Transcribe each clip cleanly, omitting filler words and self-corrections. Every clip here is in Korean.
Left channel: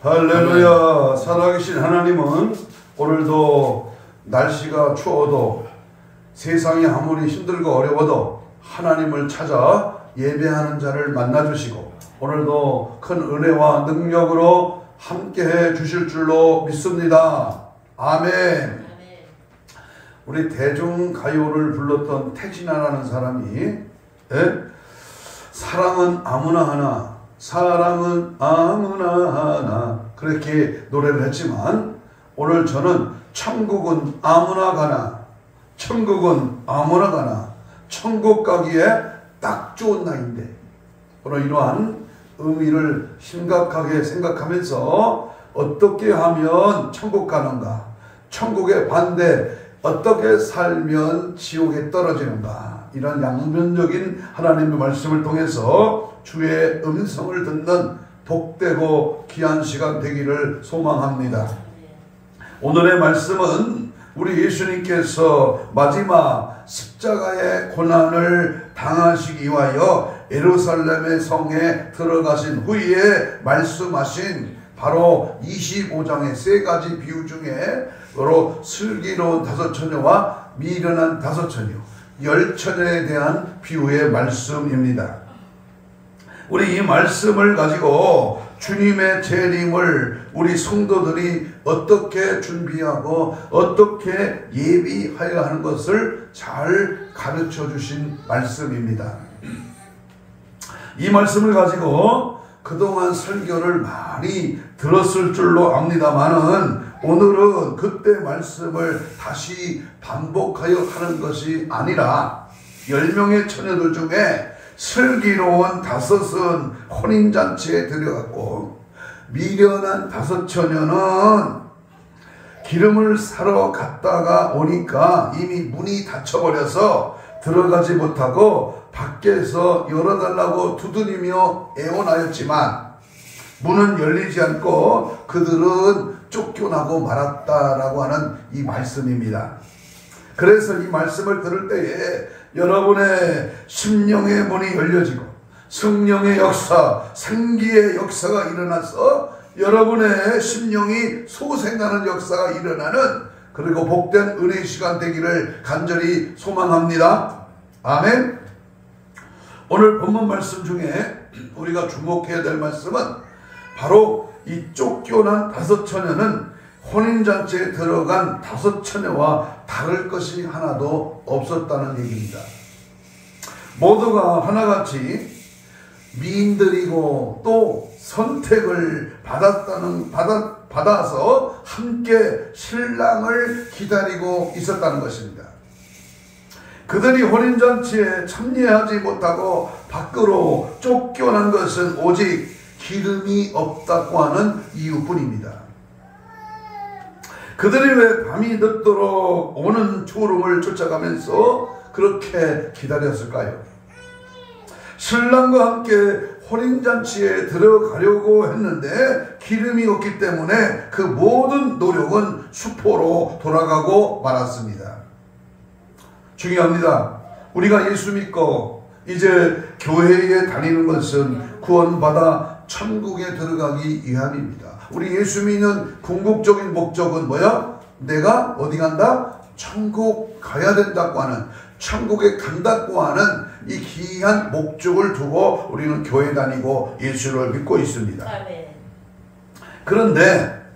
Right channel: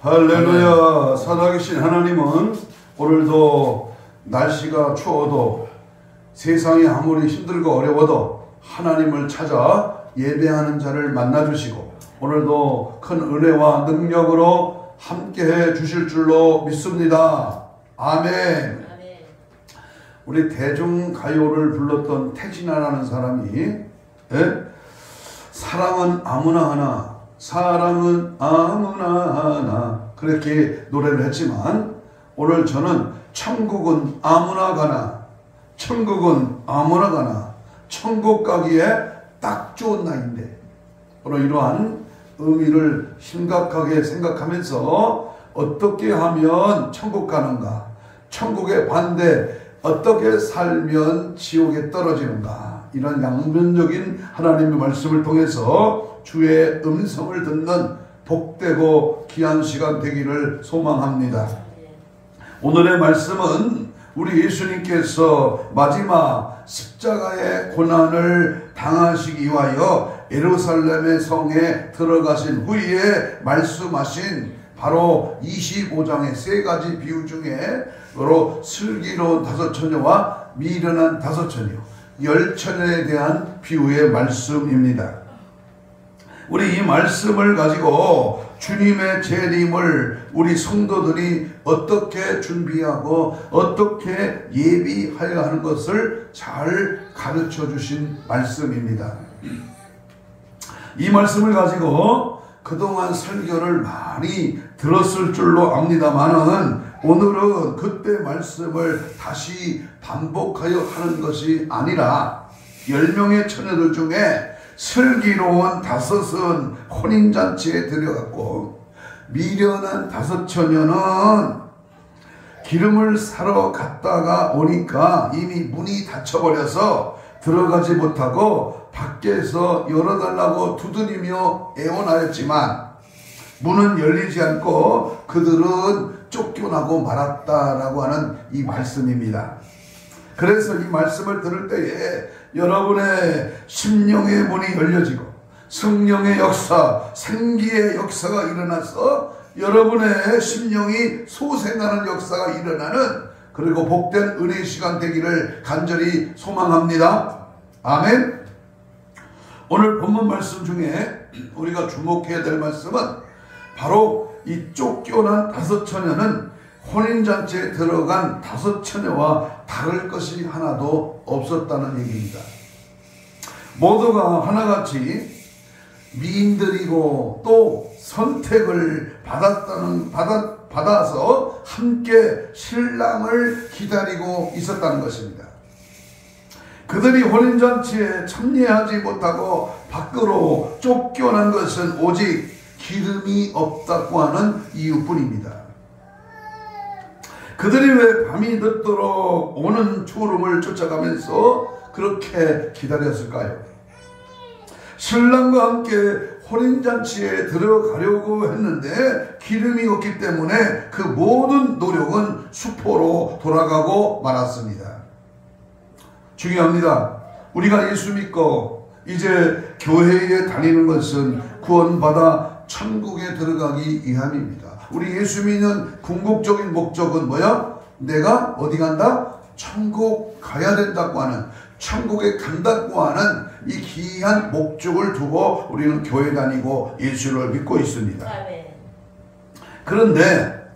할렐루야. 살아계신 하나님은 오늘도 날씨가 추워도 세상이 아무리 힘들고 어려워도 하나님을 찾아 예배하는 자를 만나주시고 오늘도 큰 은혜와 능력으로 함께해 주실 줄로 믿습니다. 아멘. 우리 대중가요를 불렀던 태진아라는 사람이 사랑은 아무나 하나, 사랑은 아무나 하나 그렇게 노래를 했지만 오늘 저는 천국은 아무나 가나, 천국은 아무나 가나, 천국 가기에 딱 좋은 날인데 바로 이러한 의미를 심각하게 생각하면서 어떻게 하면 천국 가는가, 천국의 반대 어떻게 살면 지옥에 떨어지는가, 이런 양면적인 하나님의 말씀을 통해서 주의 음성을 듣는 복되고 귀한 시간 되기를 소망합니다. 오늘의 말씀은 우리 예수님께서 마지막 십자가의 고난을 당하시기 위하여 예루살렘의 성에 들어가신 후에 말씀하신 바로 25장의 세 가지 비유 중에 바로 슬기로운 다섯 처녀와 미련한 다섯 처녀, 열 처녀에 대한 비유의 말씀입니다. 우리 이 말씀을 가지고 주님의 재림을 우리 성도들이 어떻게 준비하고 어떻게 예비하여 하는 것을 잘 가르쳐 주신 말씀입니다. 이 말씀을 가지고 그동안 설교를 많이 들었을 줄로 압니다만은 오늘은 그때 말씀을 다시 반복하여 하는 것이 아니라 10명의 처녀들 중에 슬기로운 다섯은 혼인잔치에 들어갔고 미련한 다섯 처녀는 기름을 사러 갔다가 오니까 이미 문이 닫혀버려서 들어가지 못하고 밖에서 열어달라고 두드리며 애원하였지만 문은 열리지 않고 그들은 쫓겨나고 말았다라고 하는 이 말씀입니다. 그래서 이 말씀을 들을 때에 여러분의 심령의 문이 열려지고 성령의 역사, 생기의 역사가 일어나서 여러분의 심령이 소생하는 역사가 일어나는 그리고 복된 은혜의 시간 되기를 간절히 소망합니다. 아멘. 오늘 본문 말씀 중에 우리가 주목해야 될 말씀은 바로 이 쫓겨난 다섯 처녀는 혼인잔치에 들어간 다섯 처녀와 다를 것이 하나도 없었다는 얘기입니다. 모두가 하나같이 미인들이고 또 선택을 받아서 함께 신랑을 기다리고 있었다는 것입니다. 그들이 혼인잔치에 참여하지 못하고 밖으로 쫓겨난 것은 오직 기름이 없다고 하는 이유뿐입니다. 그들이 왜 밤이 늦도록 오는 초름을 쫓아가면서 그렇게 기다렸을까요? 신랑과 함께 혼인잔치에 들어가려고 했는데 기름이 없기 때문에 그 모든 노력은 수포로 돌아가고 말았습니다. 중요합니다. 우리가 예수 믿고 이제 교회에 다니는 것은 구원받아 천국에 들어가기 위함입니다. 우리 예수 믿는 궁극적인 목적은 뭐야? 내가 어디 간다? 천국 가야 된다고 하는, 천국에 간다고 하는 이 귀한 목적을 두고 우리는 교회 다니고 예수를 믿고 있습니다. 그런데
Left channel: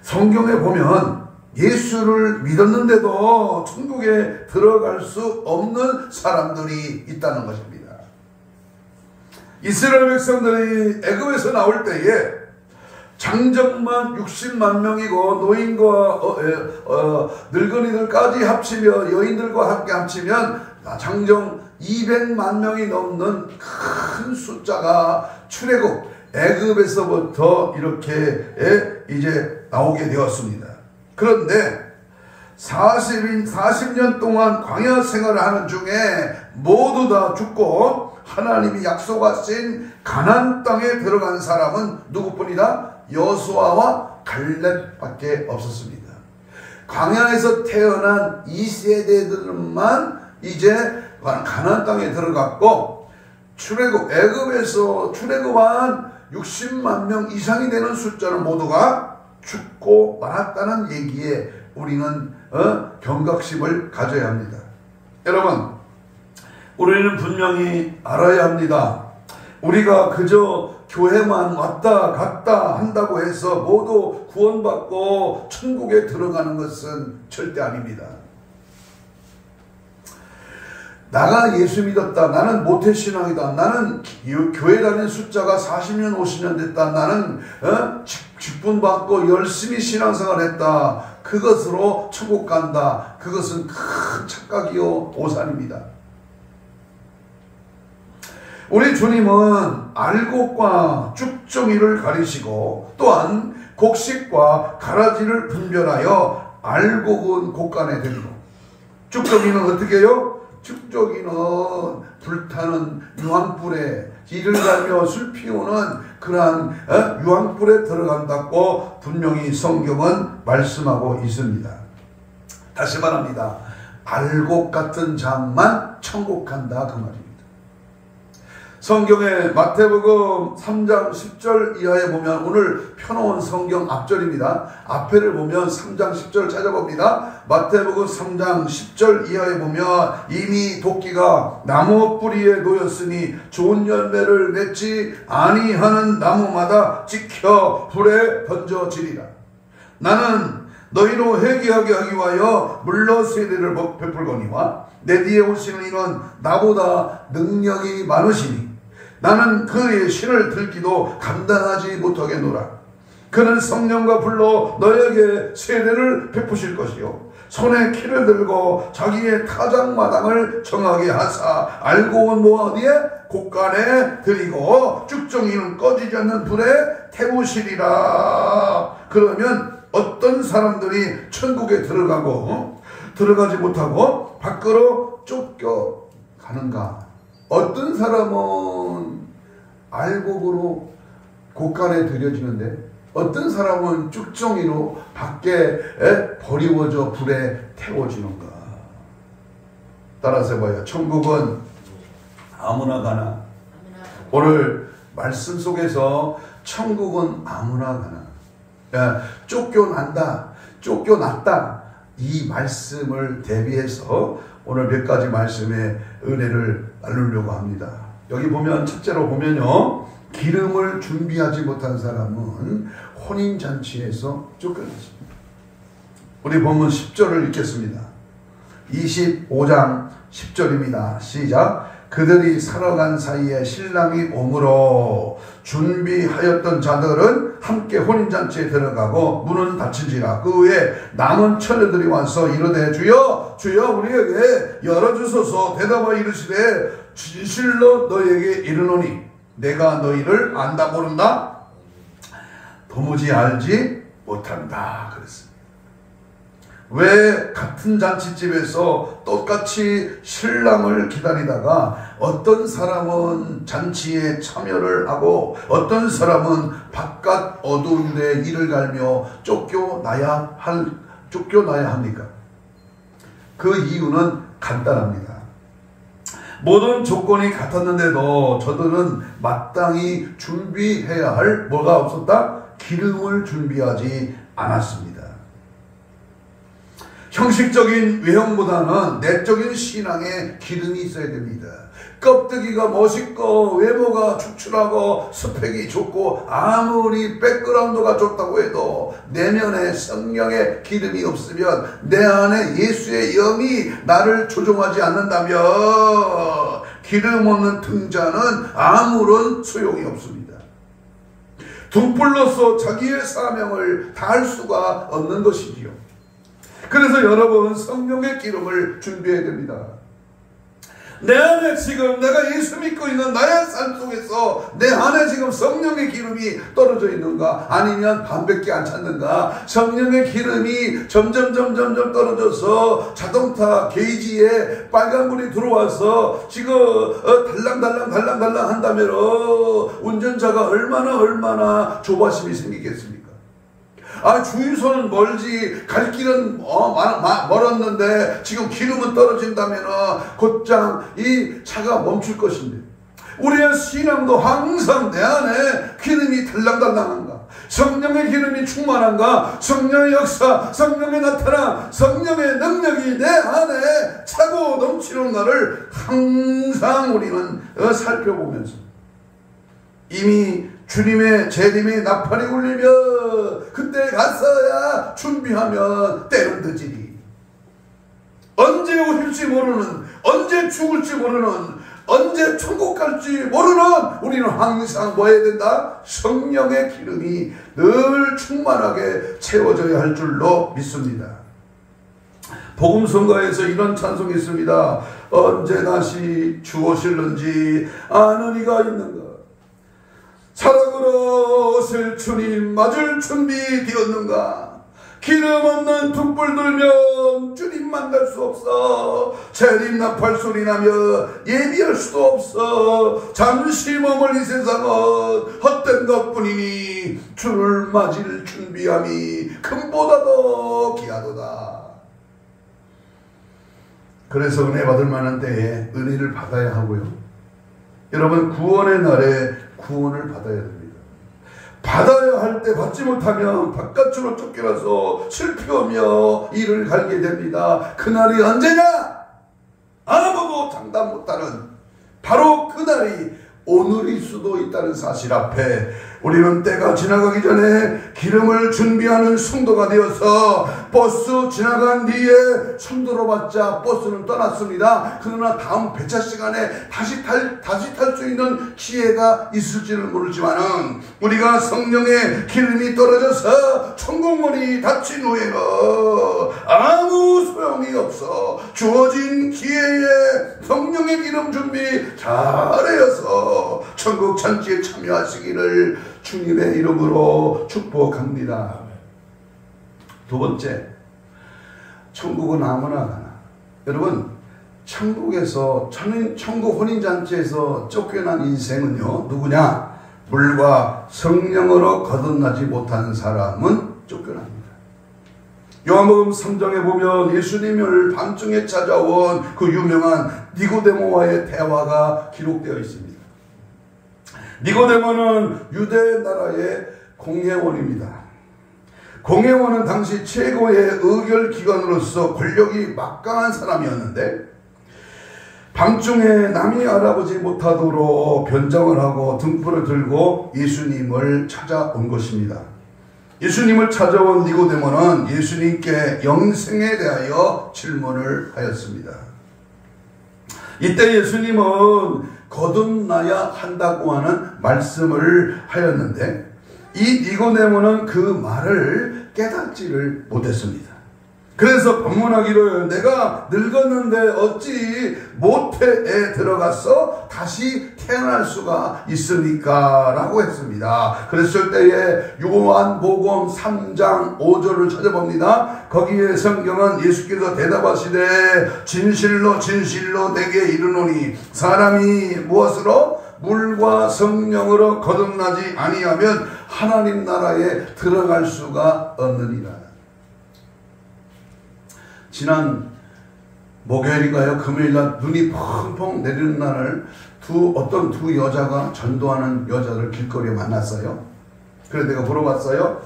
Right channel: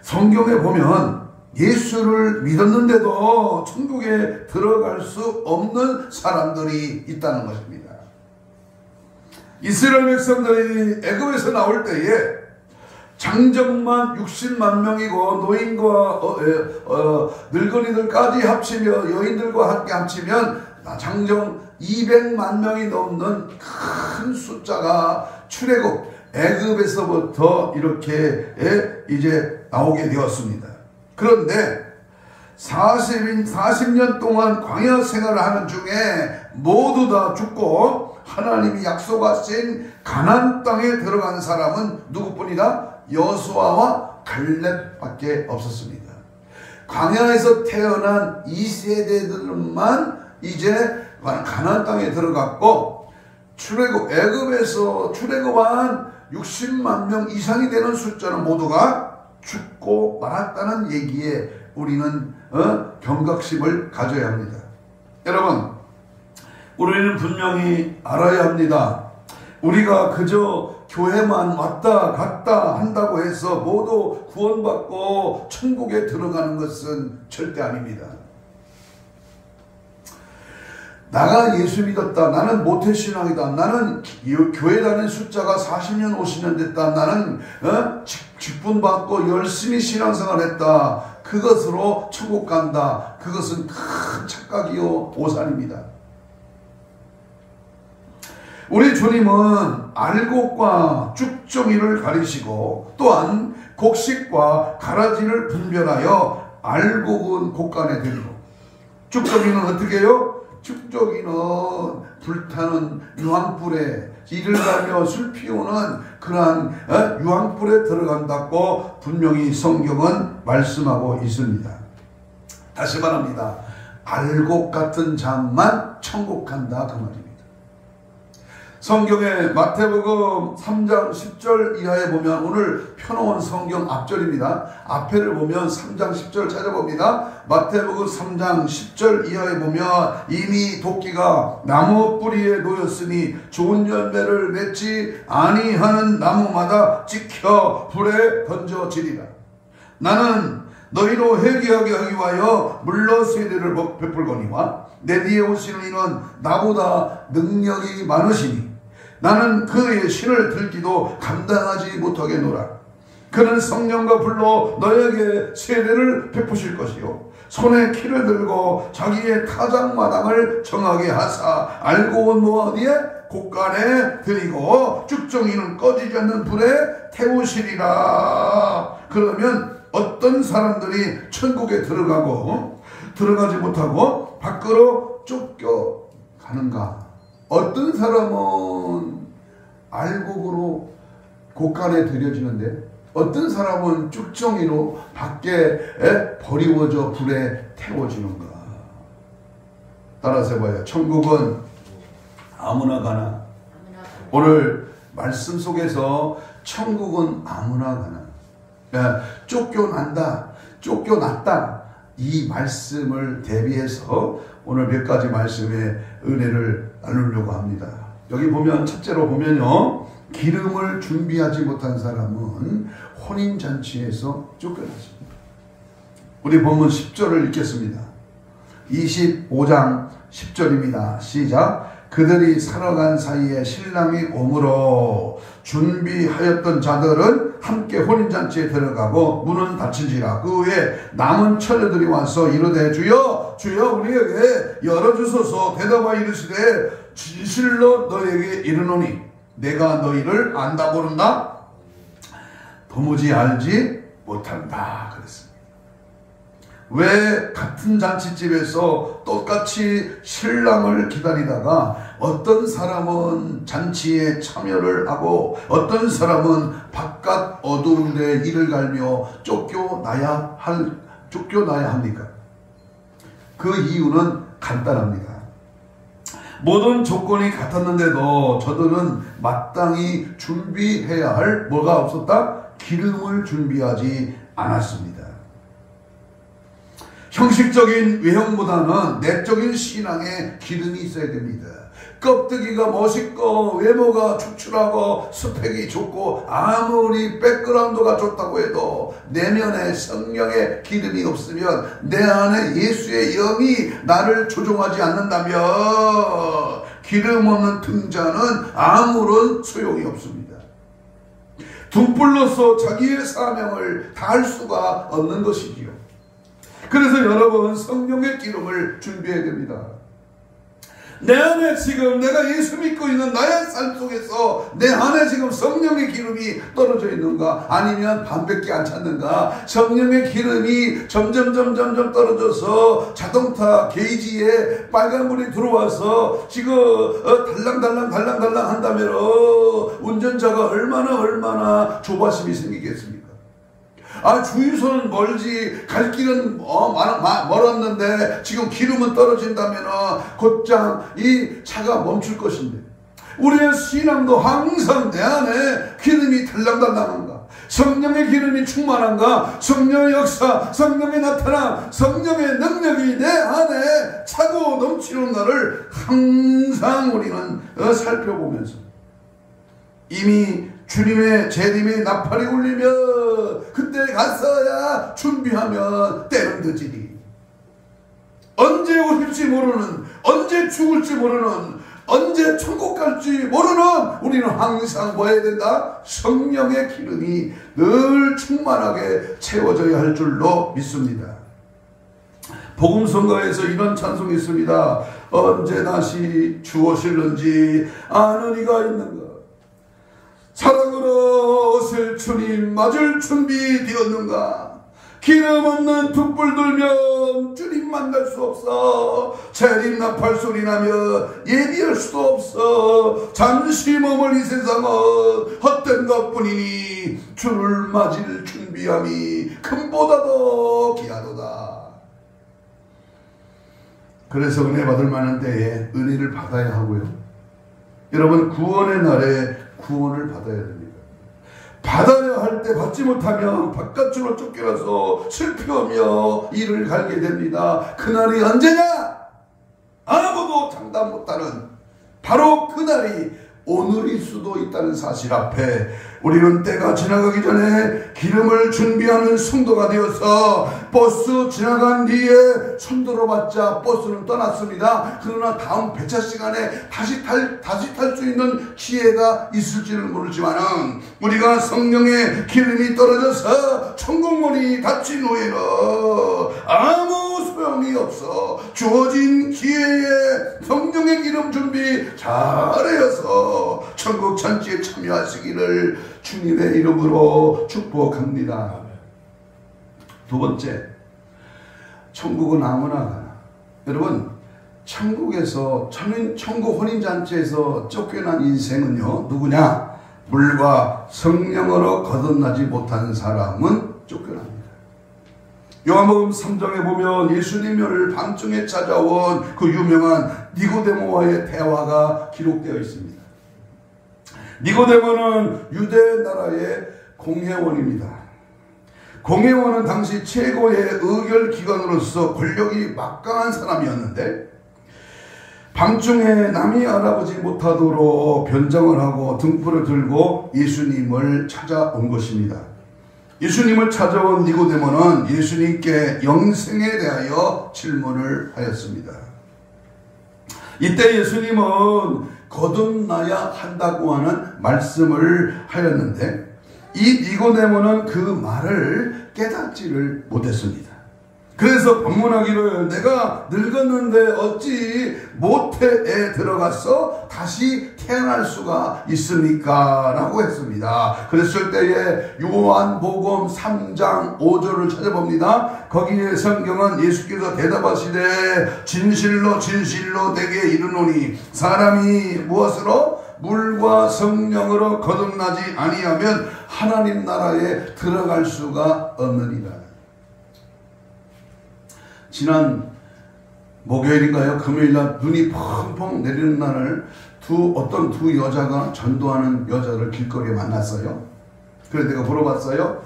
성경에 보면 예수를 믿었는데도 천국에 들어갈 수 없는 사람들이 있다는 것입니다. 이스라엘 백성들이 애굽에서 나올 때에 장정만 60만 명이고 노인과 늙은이들까지 합치며 여인들과 함께 합치면 장정 200만 명이 넘는 큰 숫자가 출애굽 애굽에서부터 이렇게 이제 나오게 되었습니다. 그런데 40년 동안 광야 생활을 하는 중에 모두 다 죽고 하나님이 약속하신 가나안 땅에 들어간 사람은 누구뿐이다? 여호수아와 갈렙밖에 없었습니다. 광야에서 태어난 2세대들만 이제 가나안 땅에 들어갔고 출애굽 애굽에서 출애굽한 60만 명 이상이 되는 숫자는 모두가 죽고 말았다는 얘기에 우리는 경각심을 가져야 합니다. 여러분, 우리는 분명히 알아야 합니다. 우리가 그저 교회만 왔다 갔다 한다고 해서 모두 구원받고 천국에 들어가는 것은 절대 아닙니다. 나가 예수 믿었다. 나는 모태신앙이다. 나는 교회 다닌 숫자가 40년 50년 됐다. 나는 직분받고 열심히 신앙생활 했다. 그것으로 천국 간다. 그것은 큰 착각이요 오산입니다. 우리 주님은 알곡과 쭉정이를 가리시고 또한 곡식과 가라지를 분별하여 알곡은 곡간에 들이고 쭉정이는 어떻게 해요? 쭉정이는 불타는 유황불에 이를 갈며 술 피우는 그러한 유황불에 들어간다고 분명히 성경은 말씀하고 있습니다. 다시 말합니다. 알곡 같은 자만 천국 간다 그 말입니다. 성경의 마태복음 3장 10절 이하에 보면 오늘 펴놓은 성경 앞절입니다. 앞에를 보면 3장 10절 찾아봅니다. 마태복음 3장 10절 이하에 보면 이미 도끼가 나무 뿌리에 놓였으니 좋은 열매를 맺지 아니하는 나무마다 찍혀 불에 던져지리라. 나는 너희로 회개하게 하기 위하여 물러 세례를 베풀거니와 내 뒤에 오시는 이는 나보다 능력이 많으시니 나는 그의 신을 들기도 감당하지 못하겠노라. 그는 성령과 불로 너에게 세례를 베푸실 것이요 손에 키를 들고 자기의 타작마당을 정하게 하사 알곡은 뭐 어디에? 곡간에 들이고 쭉정이는 꺼지지 않는 불에 태우시리라. 그러면 어떤 사람들이 천국에 들어가지 못하고 밖으로 쫓겨가는가? 어떤 사람은 알곡으로 곡간에 들여지는데 어떤 사람은 쭉정이로 밖에 버리워져 불에 태워지는가? 따라서 해봐요. 천국은 아무나 가나? 오늘 말씀 속에서 천국은 아무나 가나? 쫓겨났다. 이 말씀을 대비해서 오늘 몇 가지 말씀의 은혜를 나누려고 합니다. 여기 보면 첫째로 보면요. 기름을 준비하지 못한 사람은 혼인잔치에서 쫓겨났습니다. 우리 본문 10절을 읽겠습니다. 25장 10절입니다. 시작. 그들이 살아간 사이에 신랑이 오므로 준비하였던 자들은 함께 혼인잔치에 들어가고 문은 닫힌지라. 그 후에 남은 처녀들이 와서 이르되 주여 주여 우리에게 열어주소서. 대답하여 이르시되 진실로 너희에게 이르노니 내가 너희를 안다 모른다? 도무지 알지 못한다 그랬습니다. 왜 같은 잔치집에서 똑같이 신랑을 기다리다가 어떤 사람은 잔치에 참여를 하고 어떤 사람은 바깥 어두운 데 이를 갈며 쫓겨나야 합니까? 그 이유는 간단합니다. 모든 조건이 같았는데도 저들은 마땅히 준비해야 할 뭐가 없었다? 기름을 준비하지 않았습니다. 형식적인 외형보다는 내적인 신앙에 기름이 있어야 됩니다. 껍데기가 멋있고 외모가 축출하고 스펙이 좋고 아무리 백그라운드가 좋다고 해도 내면에 성령의 기름이 없으면 내 안에 예수의 영이 나를 조종하지 않는다면 기름 없는 등자는 아무런 소용이 없습니다. 등불로서 자기의 사명을 다할 수가 없는 것이지요. 그래서 여러분 성령의 기름을 준비해야 됩니다. 내 안에 지금 내가 예수 믿고 있는 나의 삶 속에서 내 안에 지금 성령의 기름이 떨어져 있는가? 아니면 반밖에 안 찼는가? 성령의 기름이 점점 떨어져서 자동차 게이지에 빨간불이 들어와서 지금 달랑달랑 한다면 운전자가 얼마나 조바심이 생기겠습니까? 주유소는 멀지 갈 길은 멀었는데 지금 기름은 떨어진다면 곧장 이 차가 멈출 것인데 우리의 신앙도 항상 내 안에 기름이 달랑달랑한가? 성령의 기름이 충만한가? 성령의 역사, 성령의 나타나, 성령의 능력이 내 안에 차고 넘치는가를 항상 우리는 살펴보면서 이미 주님의 재림의 나팔이 울리며 그때 가서야 준비하면 때는 늦으니 언제 오실지 모르는, 언제 죽을지 모르는, 언제 천국 갈지 모르는 우리는 항상 뭐 해야 된다? 성령의 기름이 늘 충만하게 채워져야 할 줄로 믿습니다. 복음성가에서 이런 찬송이 있습니다. 언제 다시 주 오실는지 아는 이가 있는가? 사랑으로 오실 주님 맞을 준비 되었는가? 기름 없는 툭불 들면 주님 만날 수 없어. 재림 나팔 소리 나며 예비할 수도 없어. 잠시 머물 이 세상은 헛된 것뿐이니 주를 맞을 준비함이 금보다 더 귀하도다. 그래서 은혜 받을 만한 때에 은혜를 받아야 하고요. 여러분 구원의 날에 구원을 받아야 됩니다. 받아야 할 때 받지 못하면 바깥으로 쫓겨나서 슬퍼하며 이를 갈게 됩니다. 그날이 언제냐? 아무도 장담 못하는 바로 그날이 오늘일 수도 있다는 사실 앞에 우리는 때가 지나가기 전에 기름을 준비하는 성도가 되어서 버스 지나간 뒤에 손들어 받자 버스는 떠났습니다. 그러나 다음 배차 시간에 다시 탈 수 있는 기회가 있을지는 모르지만은 우리가 성령의 기름이 떨어져서 천국문이 닫힌 후에는 아무 소용이 없어. 주어진 기회에 성령의 기름 준비 잘하여서 천국 잔치에 참여하시기를 주님의 이름으로 축복합니다. 두 번째, 천국은 아무나 가나. 여러분, 천국에서 천국 혼인잔치에서 쫓겨난 인생은요, 누구냐? 물과 성령으로 거듭나지 못한 사람은 쫓겨납니다. 요한복음 3장에 보면 예수님을 밤중에 찾아온 그 유명한 니고데모와의 대화가 기록되어 있습니다. 니고데모는 유대 나라의 공회원입니다. 공회원은 당시 최고의 의결기관으로서 권력이 막강한 사람이었는데 밤중에 남이 알아보지 못하도록 변장을 하고 등불을 들고 예수님을 찾아온 것입니다. 예수님을 찾아온 니고데모는 예수님께 영생에 대하여 질문을 하였습니다. 이때 예수님은 거듭나야 한다고 하는 말씀을 하였는데 이 니고데모는 그 말을 깨닫지를 못했습니다. 그래서 반문하기를 내가 늙었는데 어찌 모태에 들어가서 다시 태어날 수가 있습니까? 라고 했습니다. 그랬을 때에 요한복음 3장 5절을 찾아봅니다. 거기에 성경은 예수께서 대답하시되 진실로 진실로 내게 이르노니 사람이 무엇으로? 물과 성령으로 거듭나지 아니하면 하나님 나라에 들어갈 수가 없느니라. 지난 목요일인가요? 금요일날 눈이 펑펑 내리는 날을 어떤 두 여자가 전도하는 여자를 길거리에 만났어요. 그래서 내가 물어봤어요.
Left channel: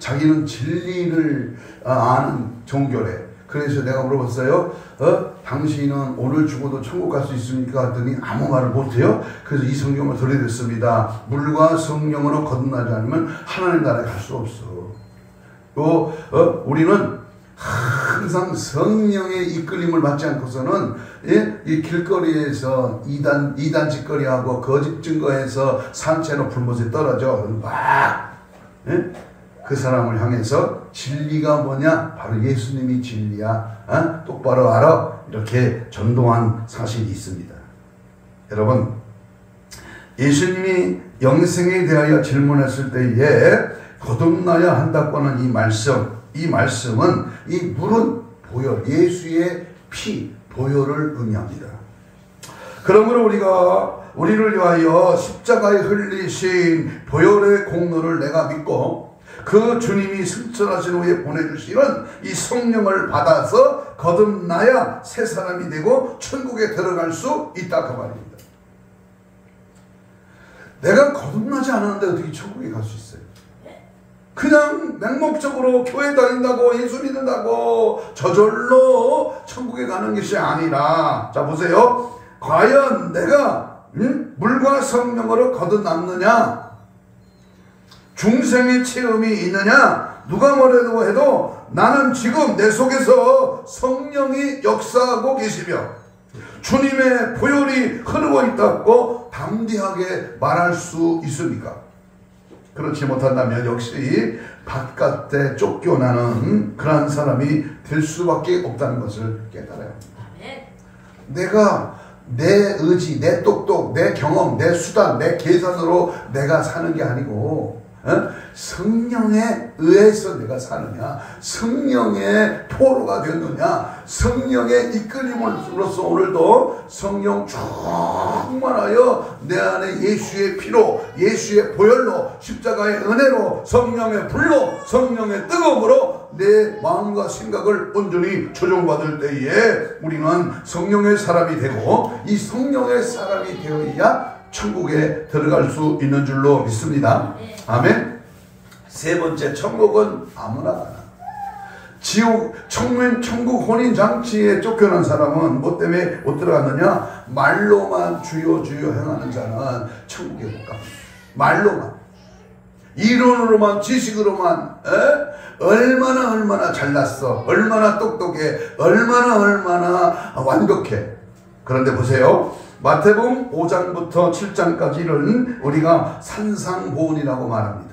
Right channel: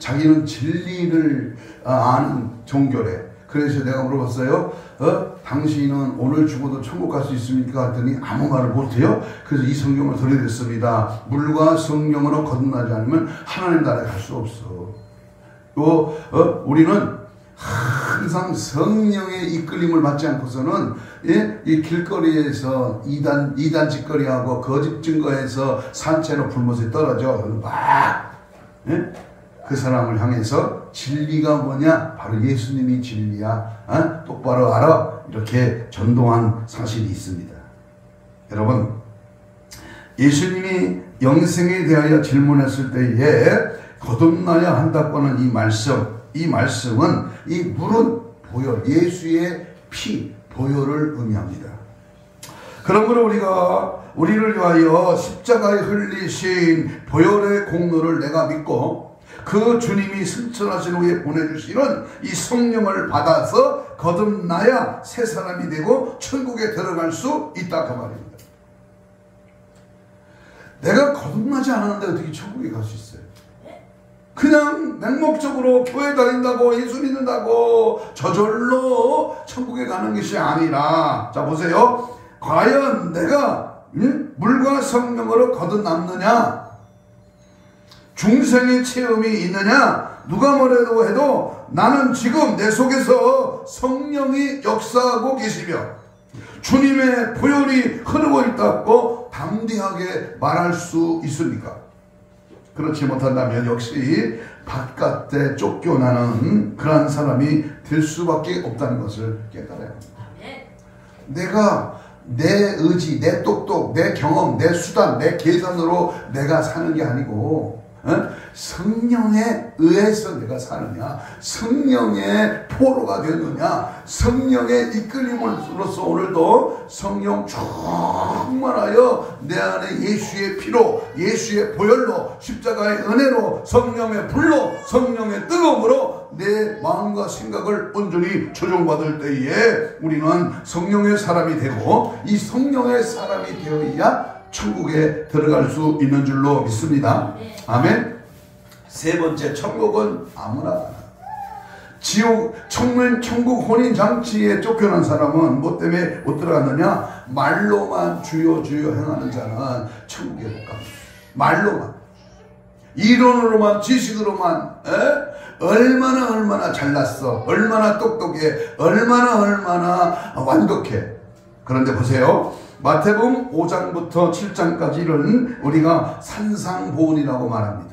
자기는 진리를 아는 종교래. 그래서 내가 물어봤어요. 당신은 오늘 죽어도 천국 갈 수 있습니까? 했더니 아무 말을 못해요. 그래서 이 성경을 들려드렸습니다. 물과 성령으로 거듭나지 않으면 하나님 나라에 갈 수 없어. 우리는 항상 성령의 이끌림을 받지 않고서는 이 길거리에서 이단 짓거리하고 거짓 증거해서 산채로 불못에 떨어져 막 그 사람을 향해서 진리가 뭐냐? 바로 예수님이 진리야. 똑바로 알아. 이렇게 전도한 사실이 있습니다. 여러분, 예수님이 영생에 대하여 질문했을 때에 거듭나야 한다고 하는 이 말씀은 이 물은 보혈, 예수의 피, 보혈을 의미합니다. 그러므로 우리를 위하여 십자가에 흘리신 보혈의 공로를 내가 믿고 그 주님이 승천하신 후에 보내주시는 이 성령을 받아서 거듭나야 새 사람이 되고 천국에 들어갈 수 있다 그 말입니다. 내가 거듭나지 않았는데 어떻게 천국에 갈 수 있어요? 그냥 맹목적으로 교회 다닌다고 예수 믿는다고 저절로 천국에 가는 것이 아니라, 자 보세요. 과연 내가 물과 성령으로 거듭났느냐, 중생의 체험이 있느냐, 누가 뭐래도 해도 나는 지금 내 속에서 성령이 역사하고 계시며 주님의 보혈이 흐르고 있다고 담대하게 말할 수 있습니까? 그렇지 못한다면 역시 바깥에 쫓겨나는 그런 사람이 될 수밖에 없다는 것을 깨달아요. 내가 내 의지, 내 똑똑, 내 경험, 내 수단, 내 계산으로 내가 사는 게 아니고 성령에 의해서 내가 사느냐, 성령의 포로가 되느냐, 성령의 이끌림으로써 오늘도 성령 충만하여 내 안에 예수의 피로, 예수의 보혈로, 십자가의 은혜로, 성령의 불로, 성령의 뜨거움으로 내 마음과 생각을 온전히 조정받을 때에 우리는 성령의 사람이 되고, 이 성령의 사람이 되어야 천국에 들어갈 수 있는 줄로 믿습니다. 아멘. 세 번째, 천국은 아무나 가나. 지옥, 천국 혼인잔치에 쫓겨난 사람은 뭐 때문에 못 들어갔느냐? 말로만 주여 주여 행하는 자는 천국에 못 갑니다. 말로만, 이론으로만, 지식으로만, 얼마나 잘났어, 얼마나 똑똑해, 얼마나 완벽해. 그런데 보세요. 마태복음 5장부터 7장까지는 우리가 산상보훈이라고 말합니다.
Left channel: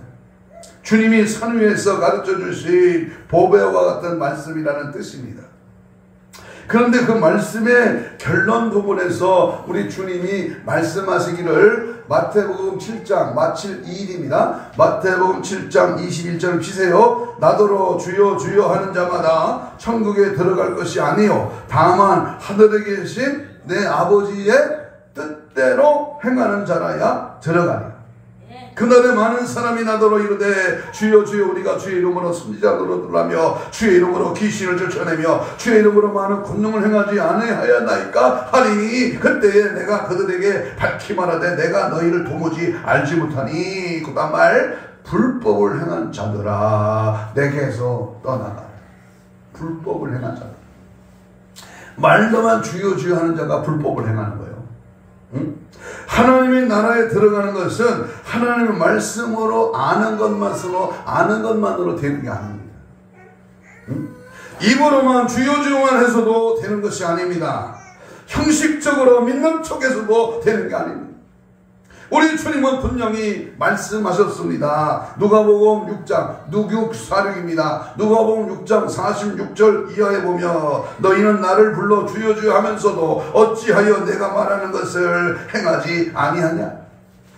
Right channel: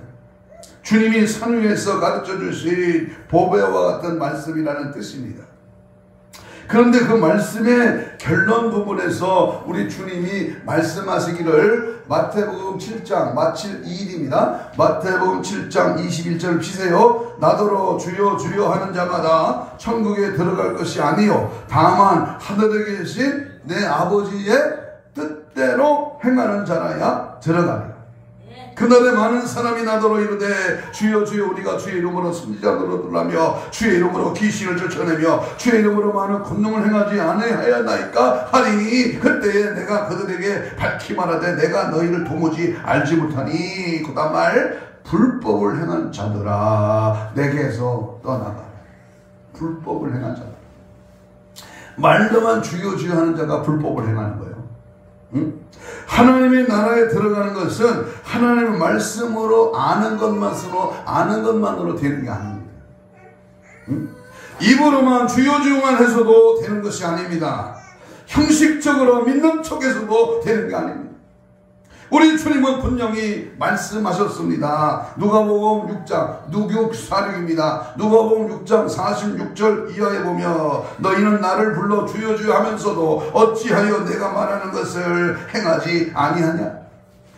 주님이 산 위에서 가르쳐 주신 보배와 같은 말씀이라는 뜻입니다. 그런데 그 말씀의 결론 부분에서 우리 주님이 말씀하시기를 마태복음 7장, 마칠 2일입니다. 마태복음 7장 21절 피세요. 나더러 주여 주여 하는 자마다 천국에 들어갈 것이 아니요 다만 하늘에 계신 내 아버지의 뜻대로 행하는 자라야 들어가리라. 그날에 많은 사람이 나더러 이르되 주여 주여 우리가 주의 이름으로 선지자들로 들라며 주의 이름으로 귀신을 쫓아내며 주의 이름으로 많은 권능을 행하지 아니하였나이까 하니, 그때에 내가 그들에게 밝히 말하되 내가 너희를 도무지 알지 못하니, 그 다음 말 불법을 행한 자들아 내게서 떠나가라. 불법을 행한 자들, 말로만 주여 주여 하는 자가 불법을 행하는 거예요. 응? 하나님의 나라에 들어가는 것은 하나님의 말씀으로 아는 것만으로 되는 게 아닙니다. 응? 입으로만 주여 주여만 해서도 되는 것이 아닙니다. 형식적으로 믿는 척해서도 되는 게 아닙니다. 우리 주님은 분명히 말씀하셨습니다. 누가복음 6장, 누교사령입니다. 누가복음 6장 46절 이하에 보면 너희는 나를 불러 주여 주여 하면서도 어찌하여 내가 말하는 것을 행하지 아니하냐?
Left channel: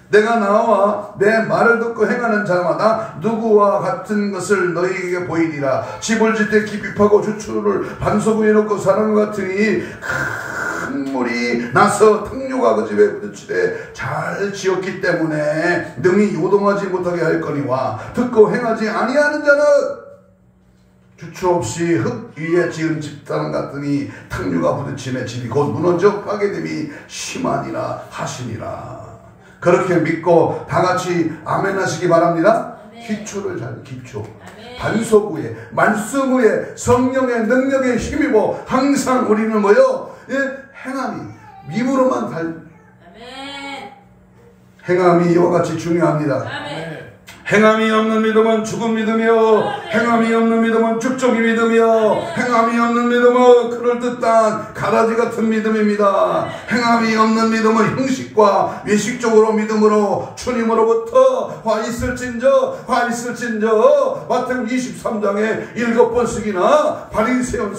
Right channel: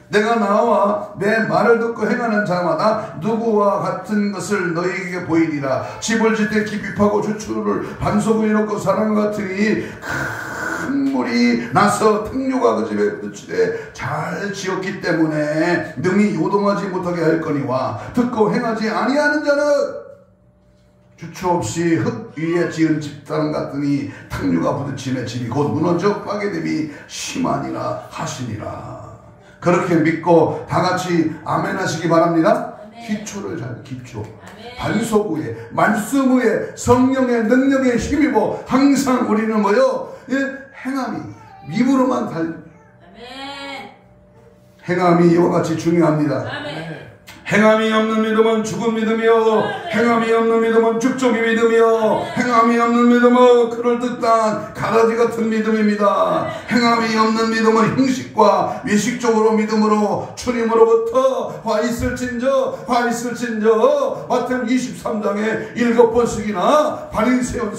내가 나와 내 말을 듣고 행하는 자마다 누구와 같은 것을 너희에게 보이리라. 집을 짓 때 깊이 파고 주추를 반소부에 넣고 사람 같으니 큰 물이 나서 탕류가 그 집에 부딪히되 잘 지었기 때문에 능히 요동하지 못하게 할 거니와 듣고 행하지 아니하는 자는 주추 없이 흙 위에 지은 집단 같으니 탕류가 부딪히며 집이 곧 무너져 파괴됨이 심하니라 하시니라. 그렇게 믿고 다 같이 아멘 하시기 바랍니다. 기초를 잘, 기초. 반석 위에, 말씀 위에 성령의 능력에 힘입어 항상 우리는 뭐요? 행함이, 믿음으로만 행함이 이와 같이 중요합니다. 행함이 없는 믿음은 죽은 믿음이요, 행함이 없는 믿음은 죽적인 믿음이요, 행함이 없는 믿음은 그럴듯한 가라지 같은 믿음입니다. 행함이 없는 믿음은 형식과 외식적으로 믿음으로 주님으로부터 화 있을진저 마태복음 23장에 7번씩이나 바리새인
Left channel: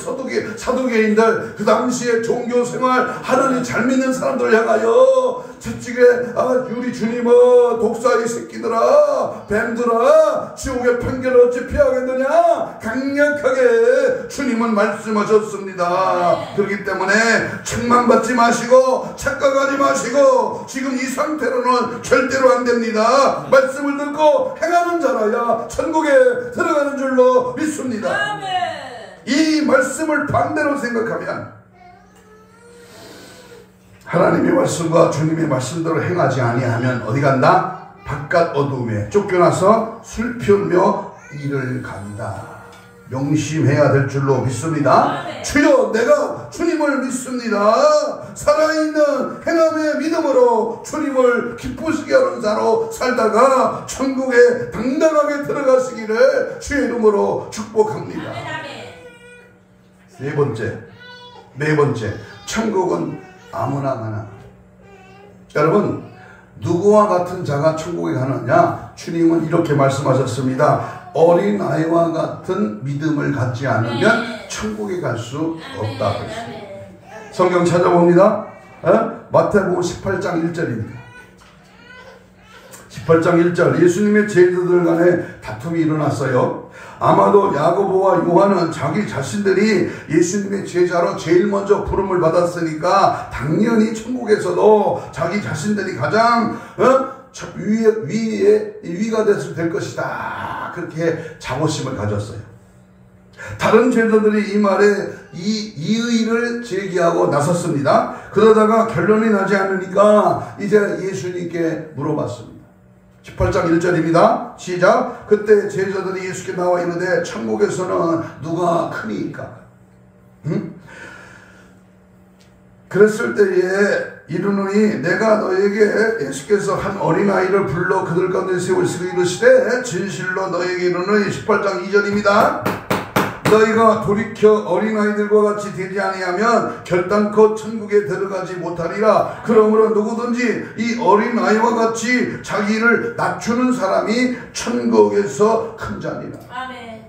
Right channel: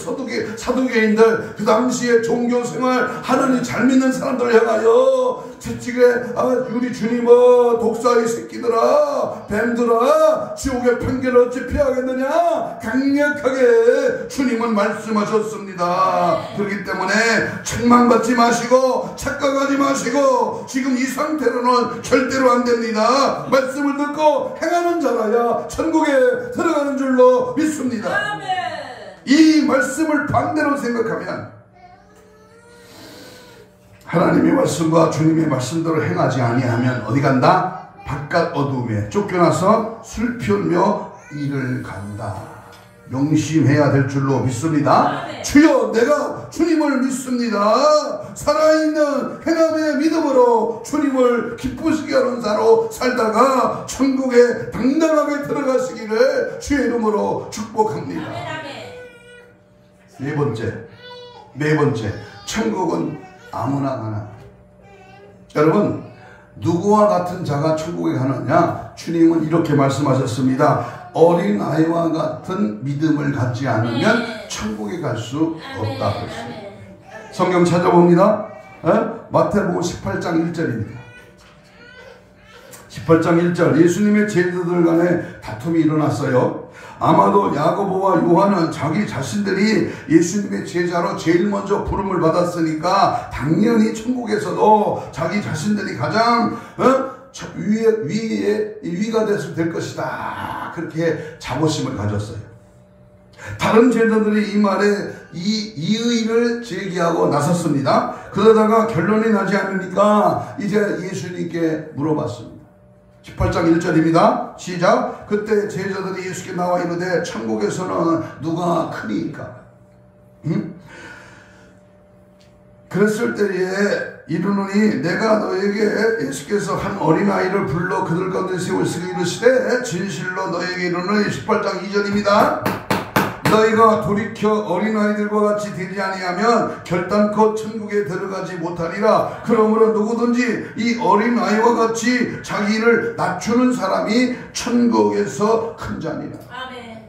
사두개인들 그 당시에 종교생활 하나님 잘 믿는 사람들을 향하여 채찍에 우리 주님은 독사의 새끼들아 뱀들아 지옥의 편견을 어찌 피하겠느냐 강력하게 주님은 말씀하셨습니다. 그렇기 때문에 책망받지 마시고 착각하지 마시고 지금 이 상태로는 절대로 안 됩니다. 말씀을 듣고 행하는 자라야 천국에 들어가는 줄로 믿습니다. 이 말씀을 반대로 생각하면 하나님의 말씀과 주님의 말씀대로 행하지 아니하면 어디 간다? 바깥 어둠에 쫓겨나서 슬피우며 이를 간다. 명심해야 될 줄로 믿습니다. 주여, 내가 주님을 믿습니다. 살아있는 행함의 믿음으로 주님을 기쁘시게 하는 자로 살다가 천국에 당당하게 들어가시기를 주의 이름으로 축복합니다. 네 번째, 천국은 아무나 가나. 여러분, 누구와 같은 자가 천국에 가느냐? 주님은 이렇게 말씀하셨습니다. 어린아이와 같은 믿음을 갖지 않으면 천국에 갈 수 없다. 성경 찾아봅니다. 마태복음 18장 1절입니다. 18장 1절, 예수님의 제자들 간에 다툼이 일어났어요. 아마도 야고보와 요한은 자기 자신들이 예수님의 제자로 제일 먼저 부름을 받았으니까 당연히 천국에서도 자기 자신들이 가장 위가 될 것이다. 그렇게 자부심을 가졌어요. 다른 제자들이 이 말에 이의를 제기하고 나섰습니다. 그러다가 결론이 나지 않으니까 이제 예수님께 물어봤습니다. 18장 1절입니다. 시작. 그때 제자들이 예수께 나와 이르되 천국에서는 누가 크니까? 그랬을 때에 이르노니 내가 너에게 예수께서 한 어린아이를 불러 그들 가운데 세우시고 이르시되 진실로 너에게 이르노니 18장 2절입니다. 너희가 돌이켜 어린아이들과 같이 되지 아니하면 결단코 천국에 들어가지 못하리라. 그러므로 누구든지 이 어린아이와 같이 자기를 낮추는 사람이 천국에서 큰 자니라. 아멘.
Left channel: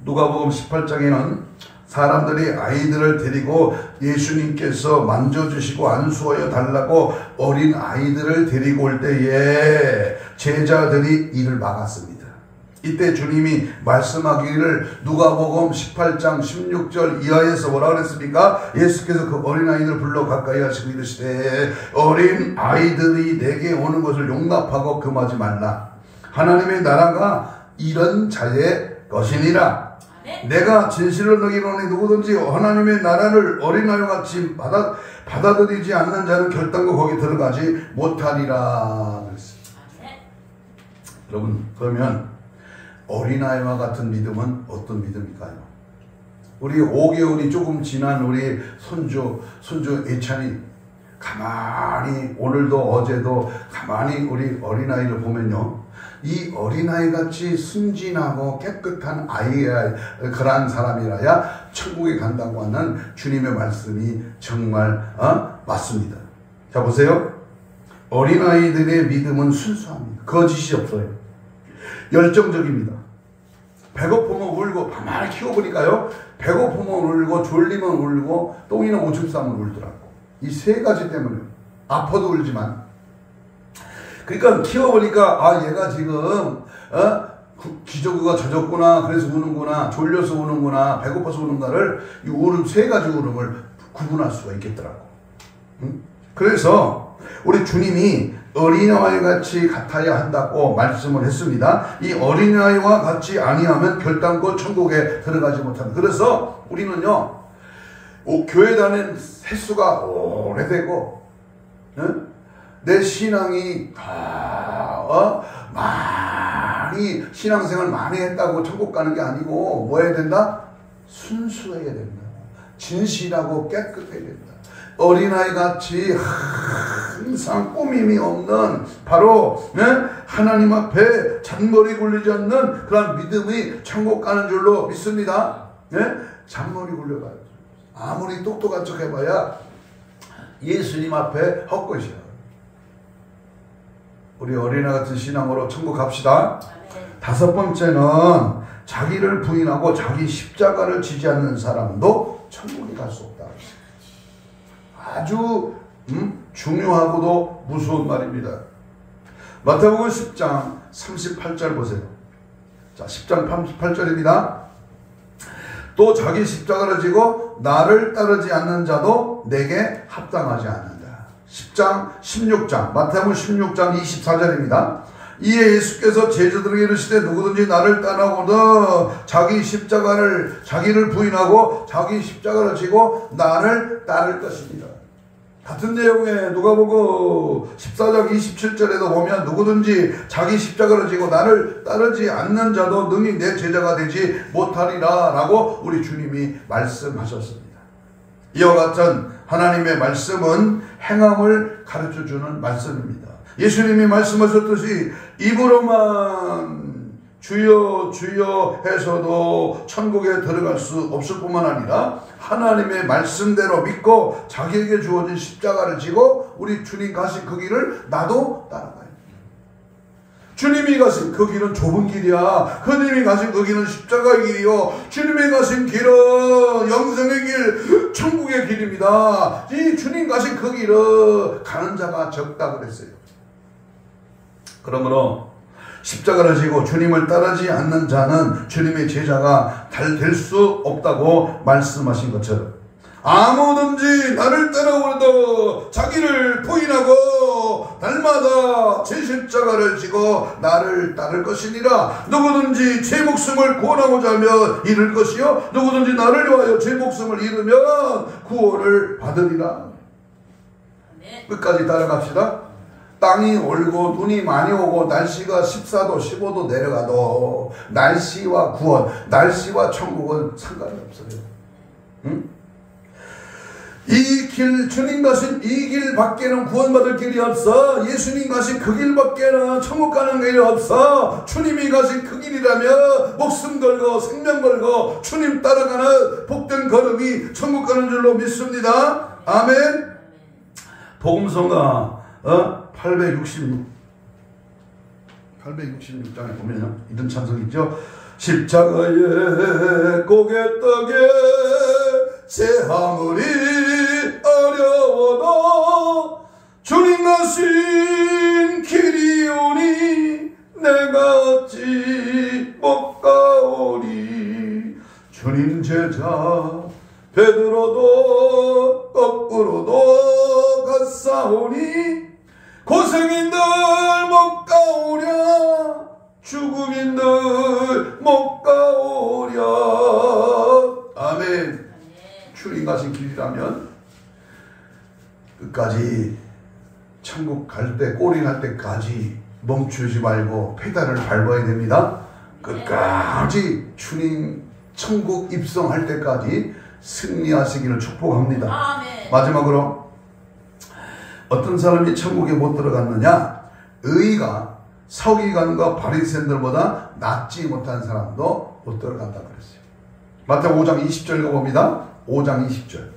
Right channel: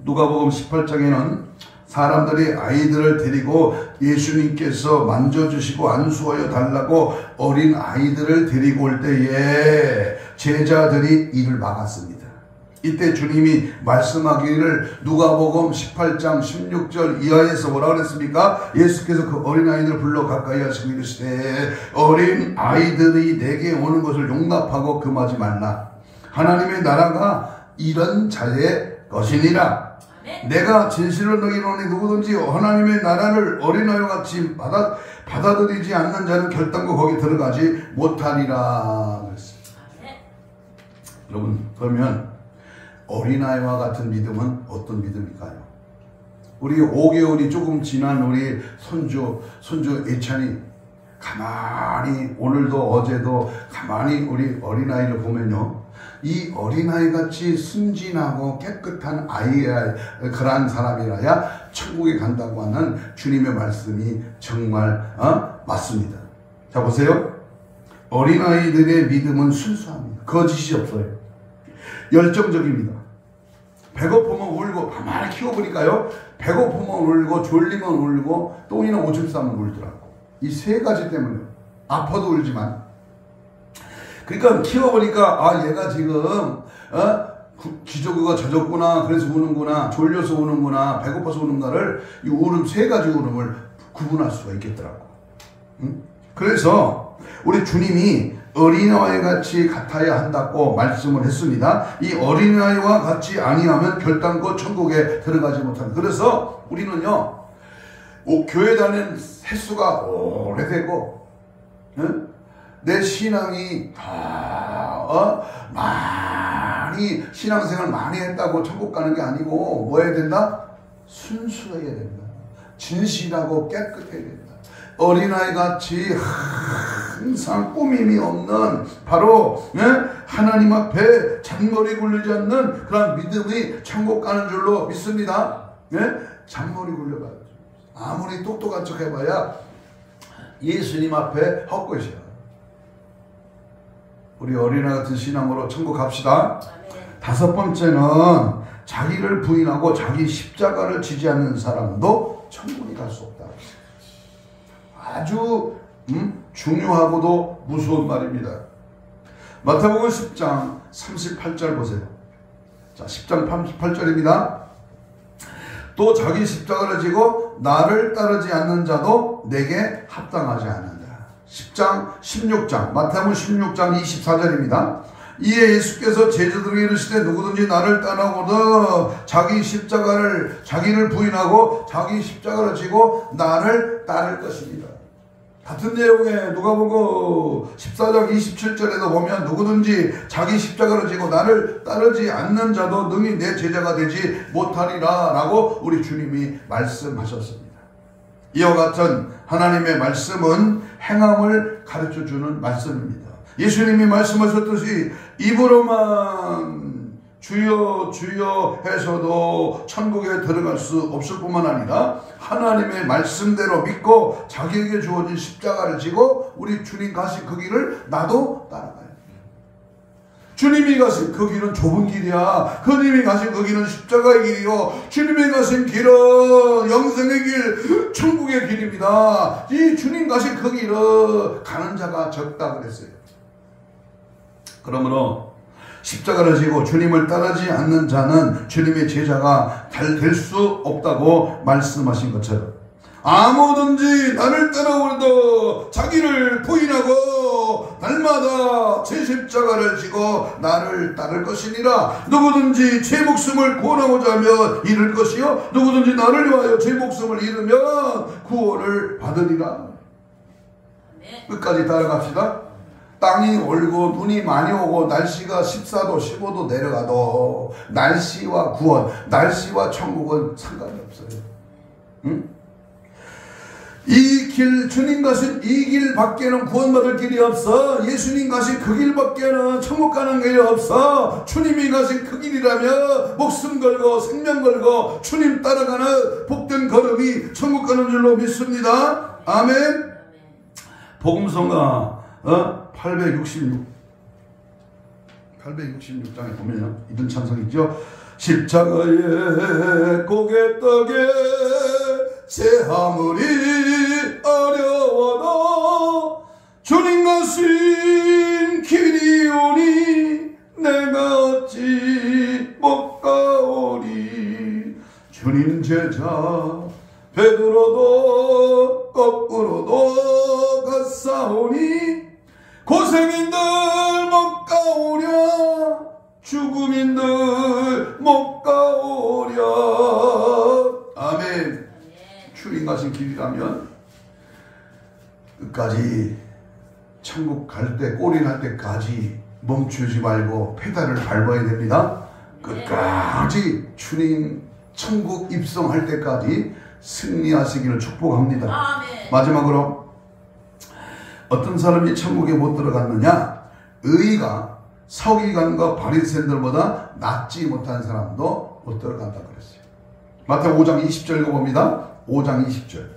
누가복음 18장에는 사람들이 아이들을 데리고 예수님께서 만져주시고 안수하여 달라고 어린 아이들을 데리고 올 때에 제자들이 이를 막았습니다. 이때 주님이 말씀하기를 누가복음 18장 16절 이하에서 뭐라 그랬습니까? 예수께서 그 어린아이들을 불러 가까이 하시고 이르시되 어린 아이들이 내게 오는 것을 용납하고 금하지 말라. 하나님의 나라가 이런 자의 것이니라. 내가 진실로 너희에게 이르노니 누구든지 하나님의 나라를 어린아이와 같이 받아들이지 않는 자는 결단코 거기 들어가지 못하리라. 여러분, 그러면 어린아이와 같은 믿음은 어떤 믿음일까요? 우리 5개월이 조금 지난 우리 손주 예찬이 가만히 오늘도 어제도 가만히 우리 어린아이를 보면요, 이 어린아이같이 순진하고 깨끗한 아이야, 그러한 사람이라야 천국에 간다고 하는 주님의 말씀이 정말 맞습니다. 자, 보세요. 어린아이들의 믿음은 순수합니다. 거짓이 없어요. 열정적입니다. 배고프면 울고, 가만히 키워보니까요, 배고프면 울고, 졸리면 울고, 똥이나 오줌 싸면 울더라고. 이 세 가지 때문에. 아파도 울지만. 그러니까 키워보니까, 얘가 지금, 기저귀가 젖었구나, 그래서 우는구나, 졸려서 우는구나, 배고파서 우는가를, 이 울음, 세 가지 울음을 구분할 수가 있겠더라고. 응? 그래서, 우리 주님이 어린아이 같이 같아야 한다고 말씀을 했습니다. 이 어린아이와 같이 아니하면 결단코 천국에 들어가지 못한다. 그래서 우리는요, 교회 다니는 횟수가 오래되고, 내 신앙이 많이 신앙생활 많이 했다고 천국 가는 게 아니고 뭐 해야 된다? 순수해야 된다. 진실하고 깨끗해야 된다. 어린아이같이 항상 꾸밈이 없는 바로 하나님 앞에 잔머리 굴리지 않는 그런 믿음이 천국 가는 줄로 믿습니다. 잔머리 굴려가요. 아무리 똑똑한 척 해봐야 예수님 앞에 헛것이야. 우리 어린아이 같은 신앙으로 천국 갑시다. 다섯 번째는 자기를 부인하고 자기 십자가를 지지 않는 사람도 천국에 갈 수 없다. 아주 중요하고도 무서운 말입니다. 마태복음 10장 38절 보세요. 자, 10장 38절입니다. 또 자기 십자가를 지고 나를 따르지 않는 자도 내게 합당하지 않는다. 10장 16장 마태복음 16장 24절입니다. 이에 예수께서 제자들에게 이르시되 누구든지 나를 따라오되 자기를 부인하고 자기 십자가를 지고 나를 따를 것입니다. 같은 내용에 누가복음 14장 27절에도 보면 누구든지 자기 십자가를 지고 나를 따르지 않는 자도 능히 내 제자가 되지 못하리라 라고 우리 주님이 말씀하셨습니다. 이와 같은 하나님의 말씀은 행함을 가르쳐주는 말씀입니다. 예수님이 말씀하셨듯이 입으로만 주여 주여 해서도 천국에 들어갈 수 없을 뿐만 아니라 하나님의 말씀대로 믿고 자기에게 주어진 십자가를 지고 우리 주님 가신 그 길을 나도 따라가요. 주님이 가신 그 길은 좁은 길이야. 주님이 가신 그 길은 십자가의 길이요. 주님이 가신 길은 영생의 길, 천국의 길입니다. 이 주님 가신 그 길은 가는 자가 적다 그랬어요. 그러므로 십자가를 지고 주님을 따르지 않는 자는 주님의 제자가 될 수 없다고 말씀하신 것처럼 아무든지 나를 따라오려도 자기를 부인하고 날마다 제 십자가를 지고 나를 따를 것이니라. 누구든지 제 목숨을 구원하고자 하면 잃을 것이요 누구든지 나를 위하여 제 목숨을 잃으면 구원을 받으리라. 끝까지 따라갑시다. 땅이 얼고 눈이 많이 오고 날씨가 14도 15도 내려가도 날씨와 구원, 날씨와 천국은 상관이 없어요. 응? 이 길, 주님 가신 이 길 밖에는 구원받을 길이 없어. 예수님 가신 그 길 밖에는 천국 가는 길이 없어. 주님이 가신 그 길이라면 목숨 걸고 생명 걸고 주님 따라가는 복된 걸음이 천국 가는 줄로 믿습니다. 아멘. 복음서가 866장에 보면요, 이런 찬송이죠. 십자가의 고갯떡에 체하물이 어려워도 주님 가신 길이오니 내가 어찌 못 가오리. 주님 제자 베드로도 거꾸로도 갔사오니 고생인들 못 가오랴 죽음인들 못 가오랴. 아멘. 주님 가신 길이라면 끝까지 천국 갈 때 꼬리 날 때까지 멈추지 말고 페달을 밟아야 됩니다. 끝까지 주님 천국 입성할 때까지 승리하시기를 축복합니다. 아멘. 마지막으로 어떤 사람이 천국에 못 들어갔느냐? 의가 서기관과 바리새인들보다 낫지 못한 사람도 못 들어간다 그랬어요. 마태복음 5장 20절 읽어봅니다. 5장 20절.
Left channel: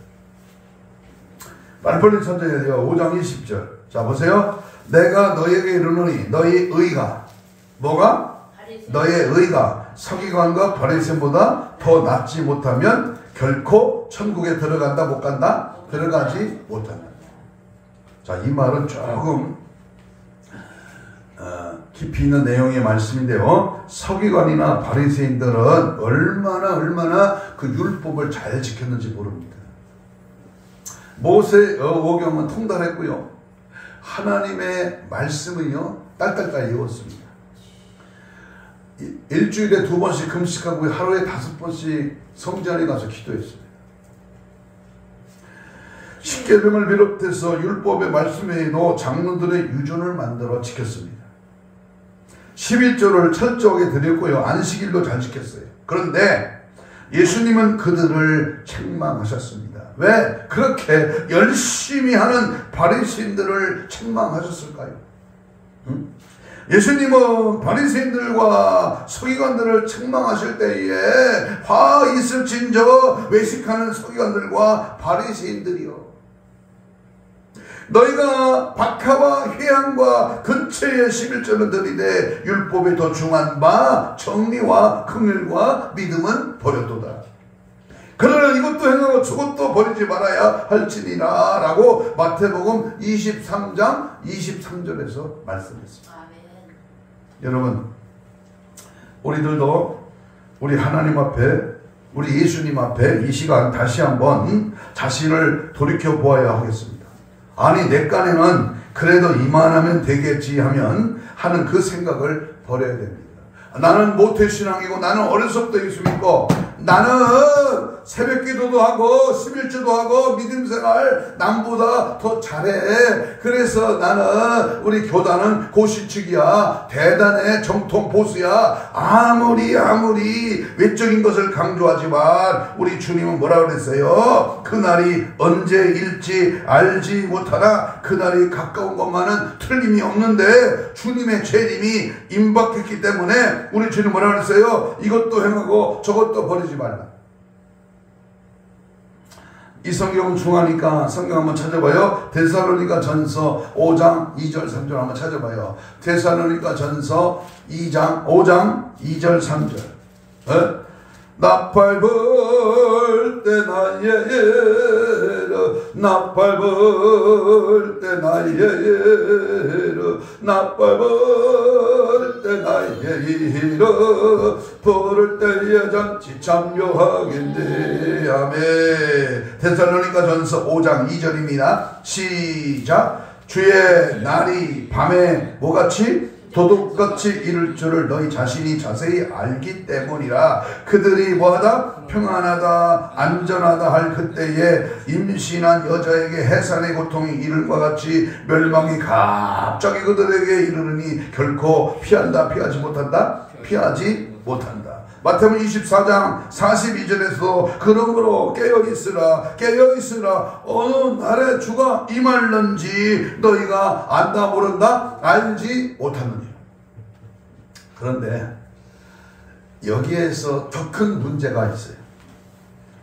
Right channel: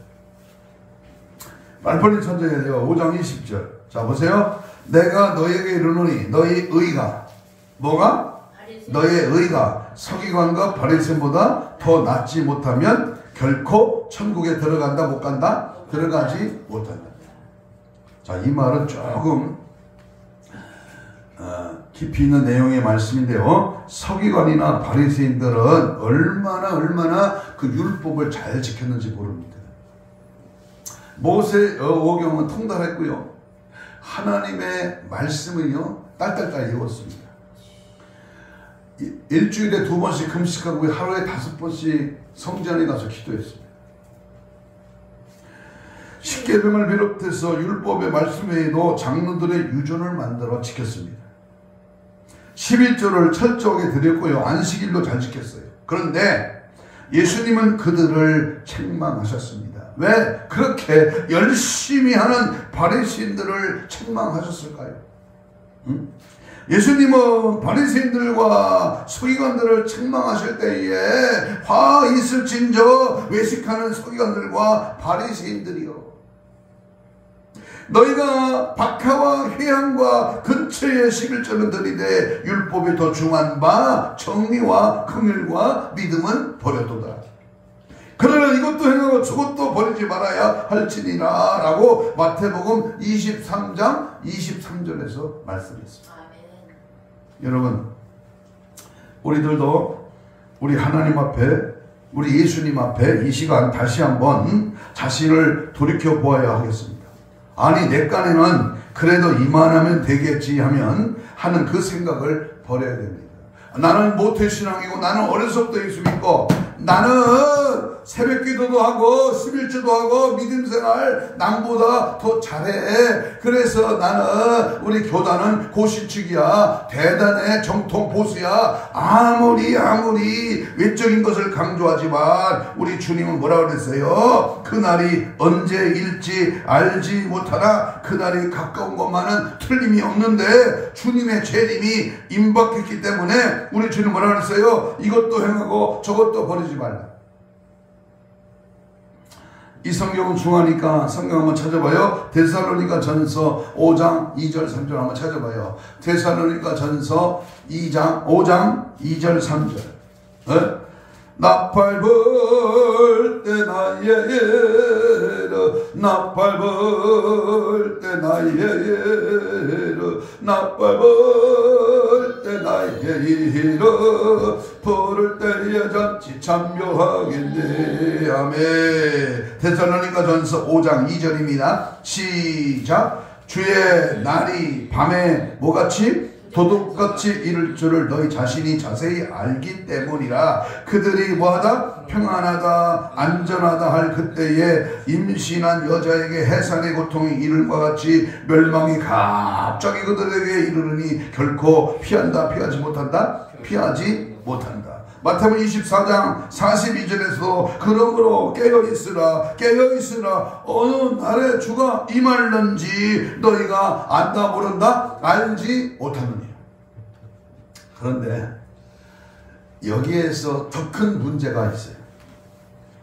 빨리 천천히 해요. 5장 20절. 자 보세요. 내가 너에게 이르노니 너희 의가 뭐가? 너의 의가 서기관과 바리새인보다 더 낫지 못하면 결코 천국에 들어간다 못 간다? 들어가지 못한다. 자, 이 말은 조금 깊이 있는 내용의 말씀인데요. 서기관이나 바리새인들은 얼마나 그 율법을 잘 지켰는지 모릅니다. 모세의 오경은 통달했고요. 하나님의 말씀은요 딸딸딸 읽었습니다. 일주일에 2번씩 금식하고 하루에 5번씩 성전에 가서 기도했습니다. 십계명을 비롯해서 율법의 말씀 외에도 장로들의 유전을 만들어 지켰습니다. 11조를 철저하게 드렸고요. 안식일도 잘 지켰어요. 그런데 예수님은 그들을 책망하셨습니다. 왜 그렇게 열심히 하는 바리새인들을 책망하셨을까요? 응? 예수님은 바리새인들과 서기관들을 책망하실 때에 화 있을진저 외식하는 서기관들과 바리새인들이요, 너희가 박하와 회향과 근처에 11조는 들이되 율법에 더 중한 바 정리와 긍휼과 믿음은 버렸도다. 그러나 이것도 행하고 저것도 버리지 말아야 할지니라 라고 마태복음 23장 23절에서 말씀했습니다. 아멘. 여러분, 우리들도 우리 하나님 앞에, 우리 예수님 앞에 이 시간 다시 한번 자신을 돌이켜 보아야 하겠습니다. 아니 내 깐에는 그래도 이만하면 되겠지 하는 그 생각을 버려야 됩니다. 나는 모태신앙이고 나는 어려서부터 예수 믿고 나는 새벽 기도도 하고 11조도 하고 믿음 생활 남보다 더 잘해. 그래서 나는 우리 교단은 고시축이야. 대단해. 정통 보수야. 아무리 외적인 것을 강조하지만 우리 주님은 뭐라 그랬어요? 그날이 언제일지 알지 못하나 그날이 가까운 것만은 틀림이 없는데 주님의 재림이 임박했기 때문에 우리 주님 뭐라 그랬어요? 이것도 행하고 저것도 버리지 말라. 이 성경은 중하니까 성경 한번 찾아봐요. 데살로니가 전서 5장 2절 3절 한번 찾아봐요. 데살로니가 전서 5장 2절 3절. 나팔 불 때 나예로 나팔 불 때 나예로 나팔 불 때 나예로 부를 때에 잔치 참여하겠네. 아멘. 데살로니가 전서 5장 2절입니다. 시작. 주의 날이 밤에 뭐같이 도둑같이 이를 줄을 너희 자신이 자세히 알기 때문이라. 그들이 뭐하다? 평안하다 안전하다 할 그때에 임신한 여자에게 해산의 고통이 이를과 같이 멸망이 갑자기 그들에게 이르르니 결코 피하지 못한다. 마태복음 24장 42절에서 그러므로 깨어있으라 어느 날에 주가 임할는지 너희가 안다 모른다 알지 못하느니. 그런데 여기에서 더 큰 문제가 있어요.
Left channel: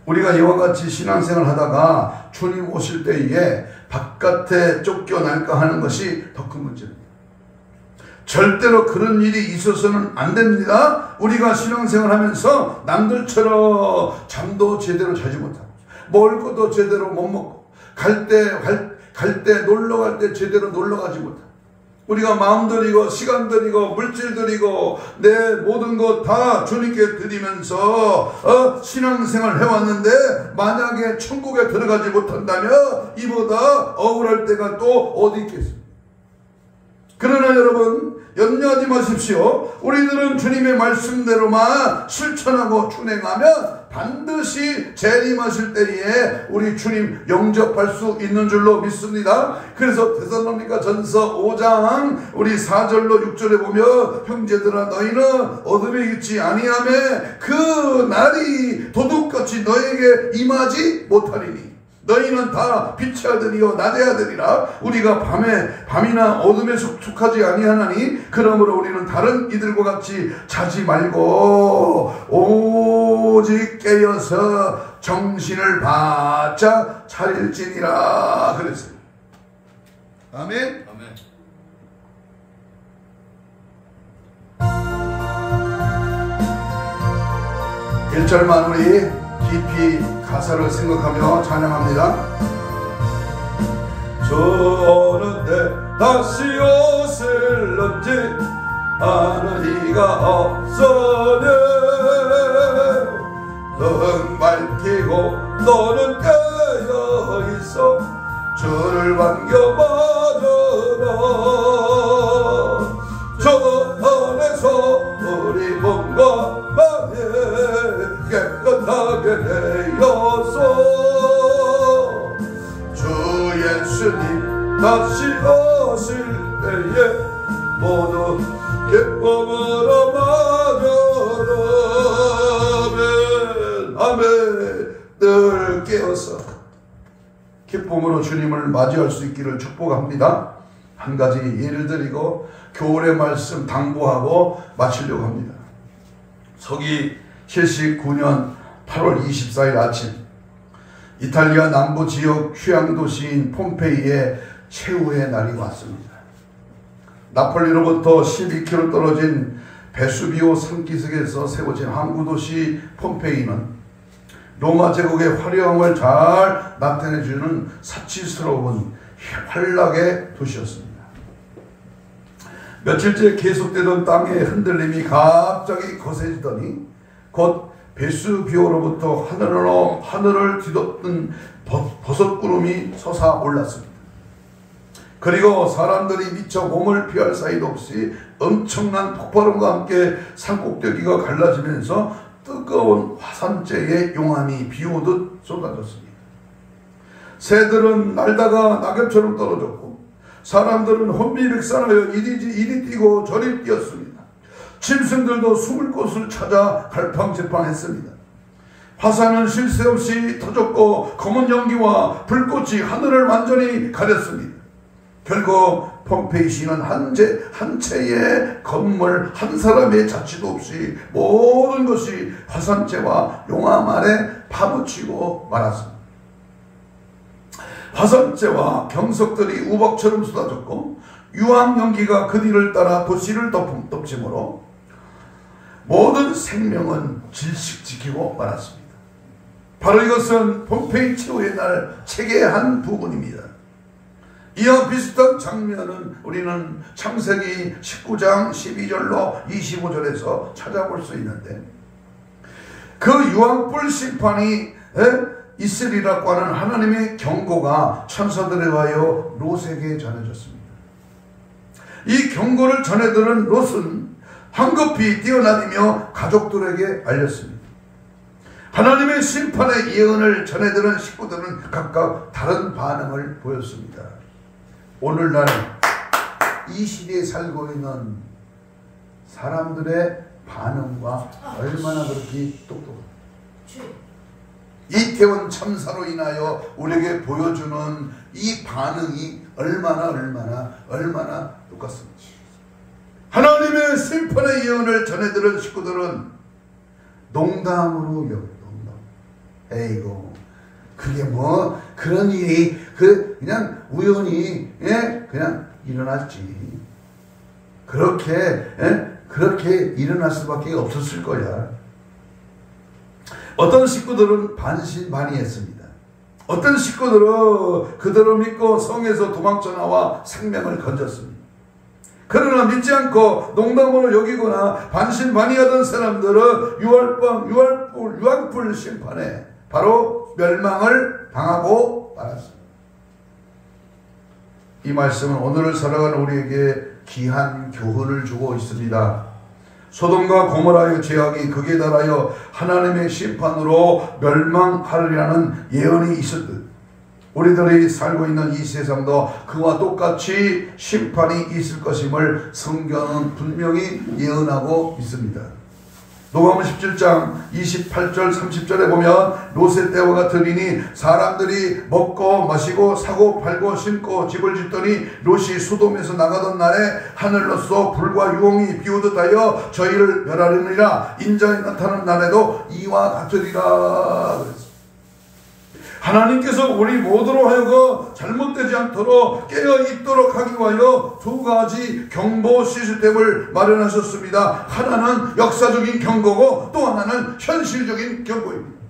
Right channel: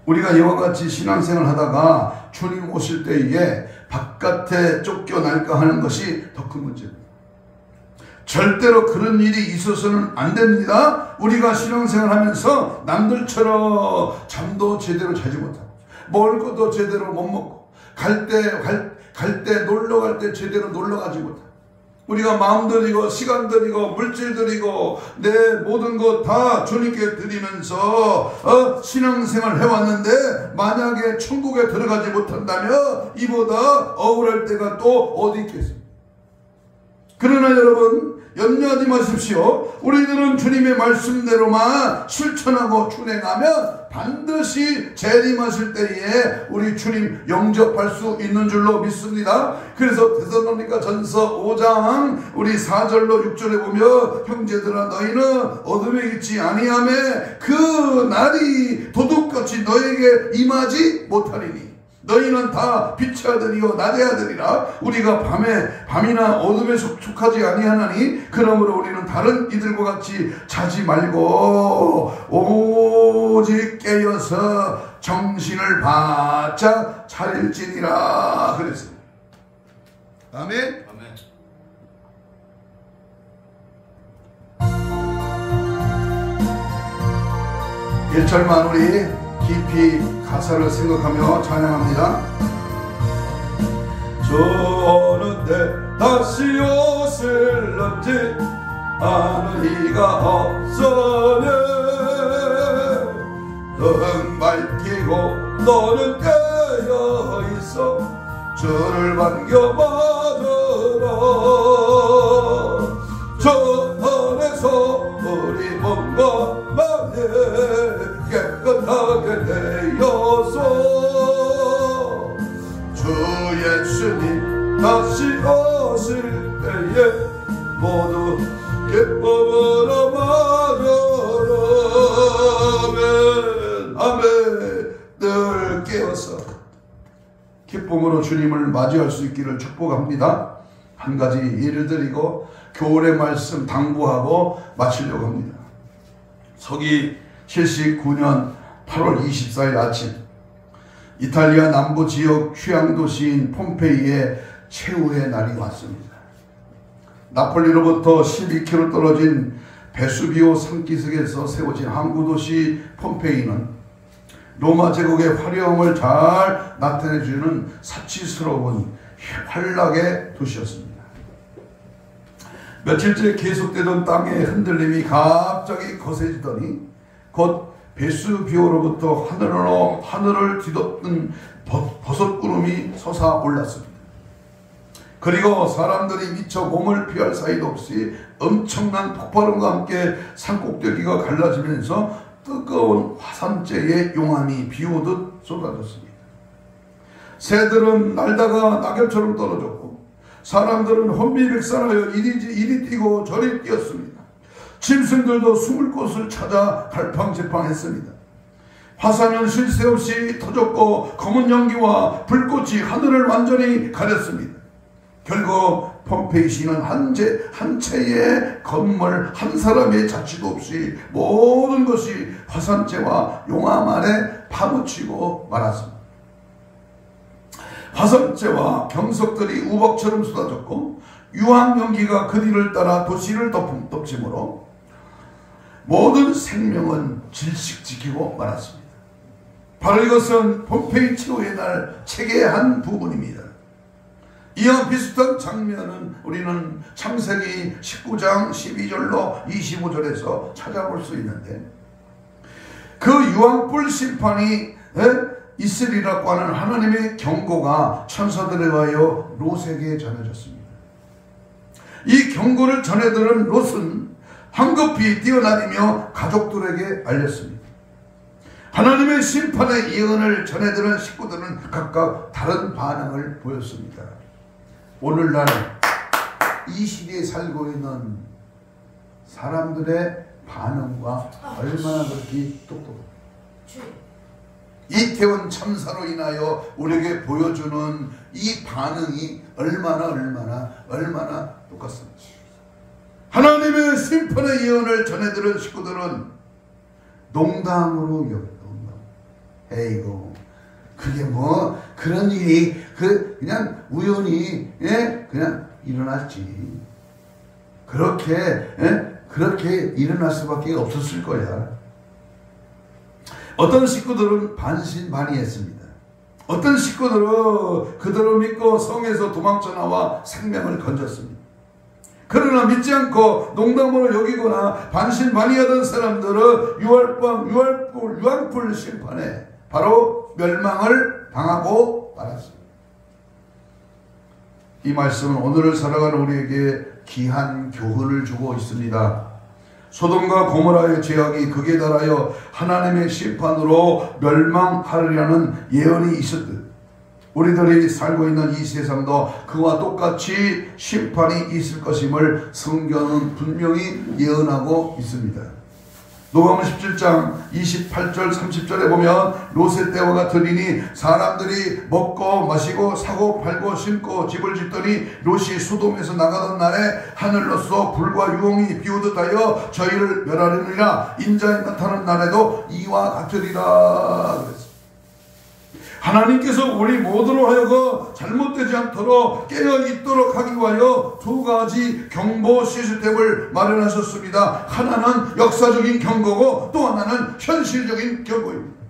우리가 이와 같이 신앙생활 하다가 주님 오실 때에 바깥에 쫓겨날까 하는 것이 더 큰 문제입니다. 절대로 그런 일이 있어서는 안 됩니다. 우리가 신앙생활 하면서 남들처럼 잠도 제대로 자지 못하고 먹을 것도 제대로 못 먹고 갈 때 놀러 갈 때 제대로 놀러 가지 못하고 우리가 마음 들이고 시간 들이고 물질 들이고 내 모든 것 다 주님께 드리면서 신앙생활 해왔는데 만약에 천국에 들어가지 못한다면 이보다 억울할 때가 또 어디 있겠습니까? 그러나 여러분 염려하지 마십시오. 우리들은 주님의 말씀대로만 실천하고 준행하면 반드시 재림하실 때에 우리 주님 영접할 수 있는 줄로 믿습니다. 그래서 데살로니가 전서 5장 우리 4절로 6절에 보면 형제들아 너희는 어둠에 있지 아니하며 그 날이 도둑같이 너에게 임하지 못하리니 너희는 다 빛의 아들이요 낮의 아들이라. 우리가 밤이나 어둠에 속하지 아니하나니 그러므로 우리는 다른 이들과 같이 자지 말고 오직 깨어서 정신을 바짝 차릴지니라 그랬습니다. 아멘. 1절만 우리 깊이 가사를 생각하며 찬양합니다. 저는 때 다시 오실런지 아는 이가 없으네. 너는 밝히고 너는 깨어있어 주를 반겨받으라. 저 안에서 우리 몸과 마음에 깨끗하게 되어서 주 예수님 다시 오실 때에 모두 기쁨으로 맞으라. 아멘. 늘 깨어서 기쁨으로 주님을 맞이할 수 있기를 축복합니다. 한 가지 예를 드리고 교훈의 말씀 당부하고 마치려고 합니다. 서기 79년 8월 24일 아침 이탈리아 남부 지역 휴양도시인 폼페이에 최후의 날이 왔습니다. 나폴리로부터 12km 떨어진 베수비오 산기슭에서 세워진 항구도시 폼페이는 로마 제국의 화려함을 잘 나타내주는 사치스러운 환락의 도시였습니다. 며칠째 계속되던 땅의 흔들림이 갑자기 거세지더니 곧 베수비오로부터 하늘을 뒤덮는 버섯구름이 솟아올랐습니다. 그리고 사람들이 미처 몸을 피할 사이도 없이 엄청난 폭발음과 함께 산꼭대기가 갈라지면서 뜨거운 화산재의 용암이 비오듯 쏟아졌습니다. 새들은 날다가 낙엽처럼 떨어졌고 사람들은 혼비백산하여 이리 뛰고 저리 뛰었습니다. 짐승들도 숨을 곳을 찾아 갈팡질팡했습니다. 화산은 쉴 새 없이 터졌고 검은 연기와 불꽃이 하늘을 완전히 가렸습니다. 결국 폼페이 시는 한 채의 건물 한 사람의 자취도 없이 모든 것이 화산재와 용암 아래 파묻히고 말았습니다. 화산재와 경석들이 우박처럼 쏟아졌고 유황 연기가 그 뒤를 따라 도시를 덮치므로 모든 생명은 질식 지키고 말았습니다. 바로 이것은 폼페이 최후의 날 책의 한 부분입니다. 이와 비슷한 장면은 우리는 창세기 19장 12절로 25절에서 찾아볼 수 있는데, 그 유황불 심판이 있으리라고 하는 하나님의 경고가 천사들에 의하여 롯에게 전해졌습니다. 이 경고를 전해들은 롯은 황급히 뛰어다니며 가족들에게 알렸습니다. 하나님의 심판의 예언을 전해들은 식구들은 각각 다른 반응을 보였습니다. 오늘날 이 시대에 살고 있는 사람들의 반응과 얼마나 그렇게 똑똑합니까? 이태원 참사로 인하여 우리에게 보여주는 이 반응이 얼마나 똑같습니다. 하나님의 심판의 예언을 전해들은 식구들은 농담으로 여겨요. 에이고, 그게 뭐 그런 일이 그냥 우연히 그냥 일어났지. 그렇게 일어날 수밖에 없었을 거야. 어떤 식구들은 반신반의했습니다. 어떤 식구들은 그들을 믿고 성에서 도망쳐 나와 생명을 건졌습니다. 그러나 믿지 않고 농담으로 여기거나 반신반의하던 사람들은 유황불 심판에 바로 멸망을 당하고 말았습니다. 이 말씀은 오늘을 살아가는 우리에게 귀한 교훈을 주고 있습니다. 소돔과 고모라의 죄악이 극에 달하여 하나님의 심판으로 멸망하리라는 예언이 있었듯 우리들이 살고 있는 이 세상도 그와 똑같이 심판이 있을 것임을 성경은 분명히 예언하고 있습니다. 누가복음 17장 28절 30절에 보면 롯의 때와 같으리니 사람들이 먹고 마시고 사고 팔고 심고 집을 짓더니 롯이 소돔에서 나가던 날에 하늘로서 불과 유황이 비오듯 하여 저희를 멸하려니라. 인자에 나타난 날에도 이와 같으리라 그랬습니다. 하나님께서 우리 모두로 하여금 잘못되지 않도록 깨어있도록 하기 위하여 두 가지 경보 시스템을 마련하셨습니다. 하나는 역사적인 경고고 또 하나는 현실적인 경고입니다.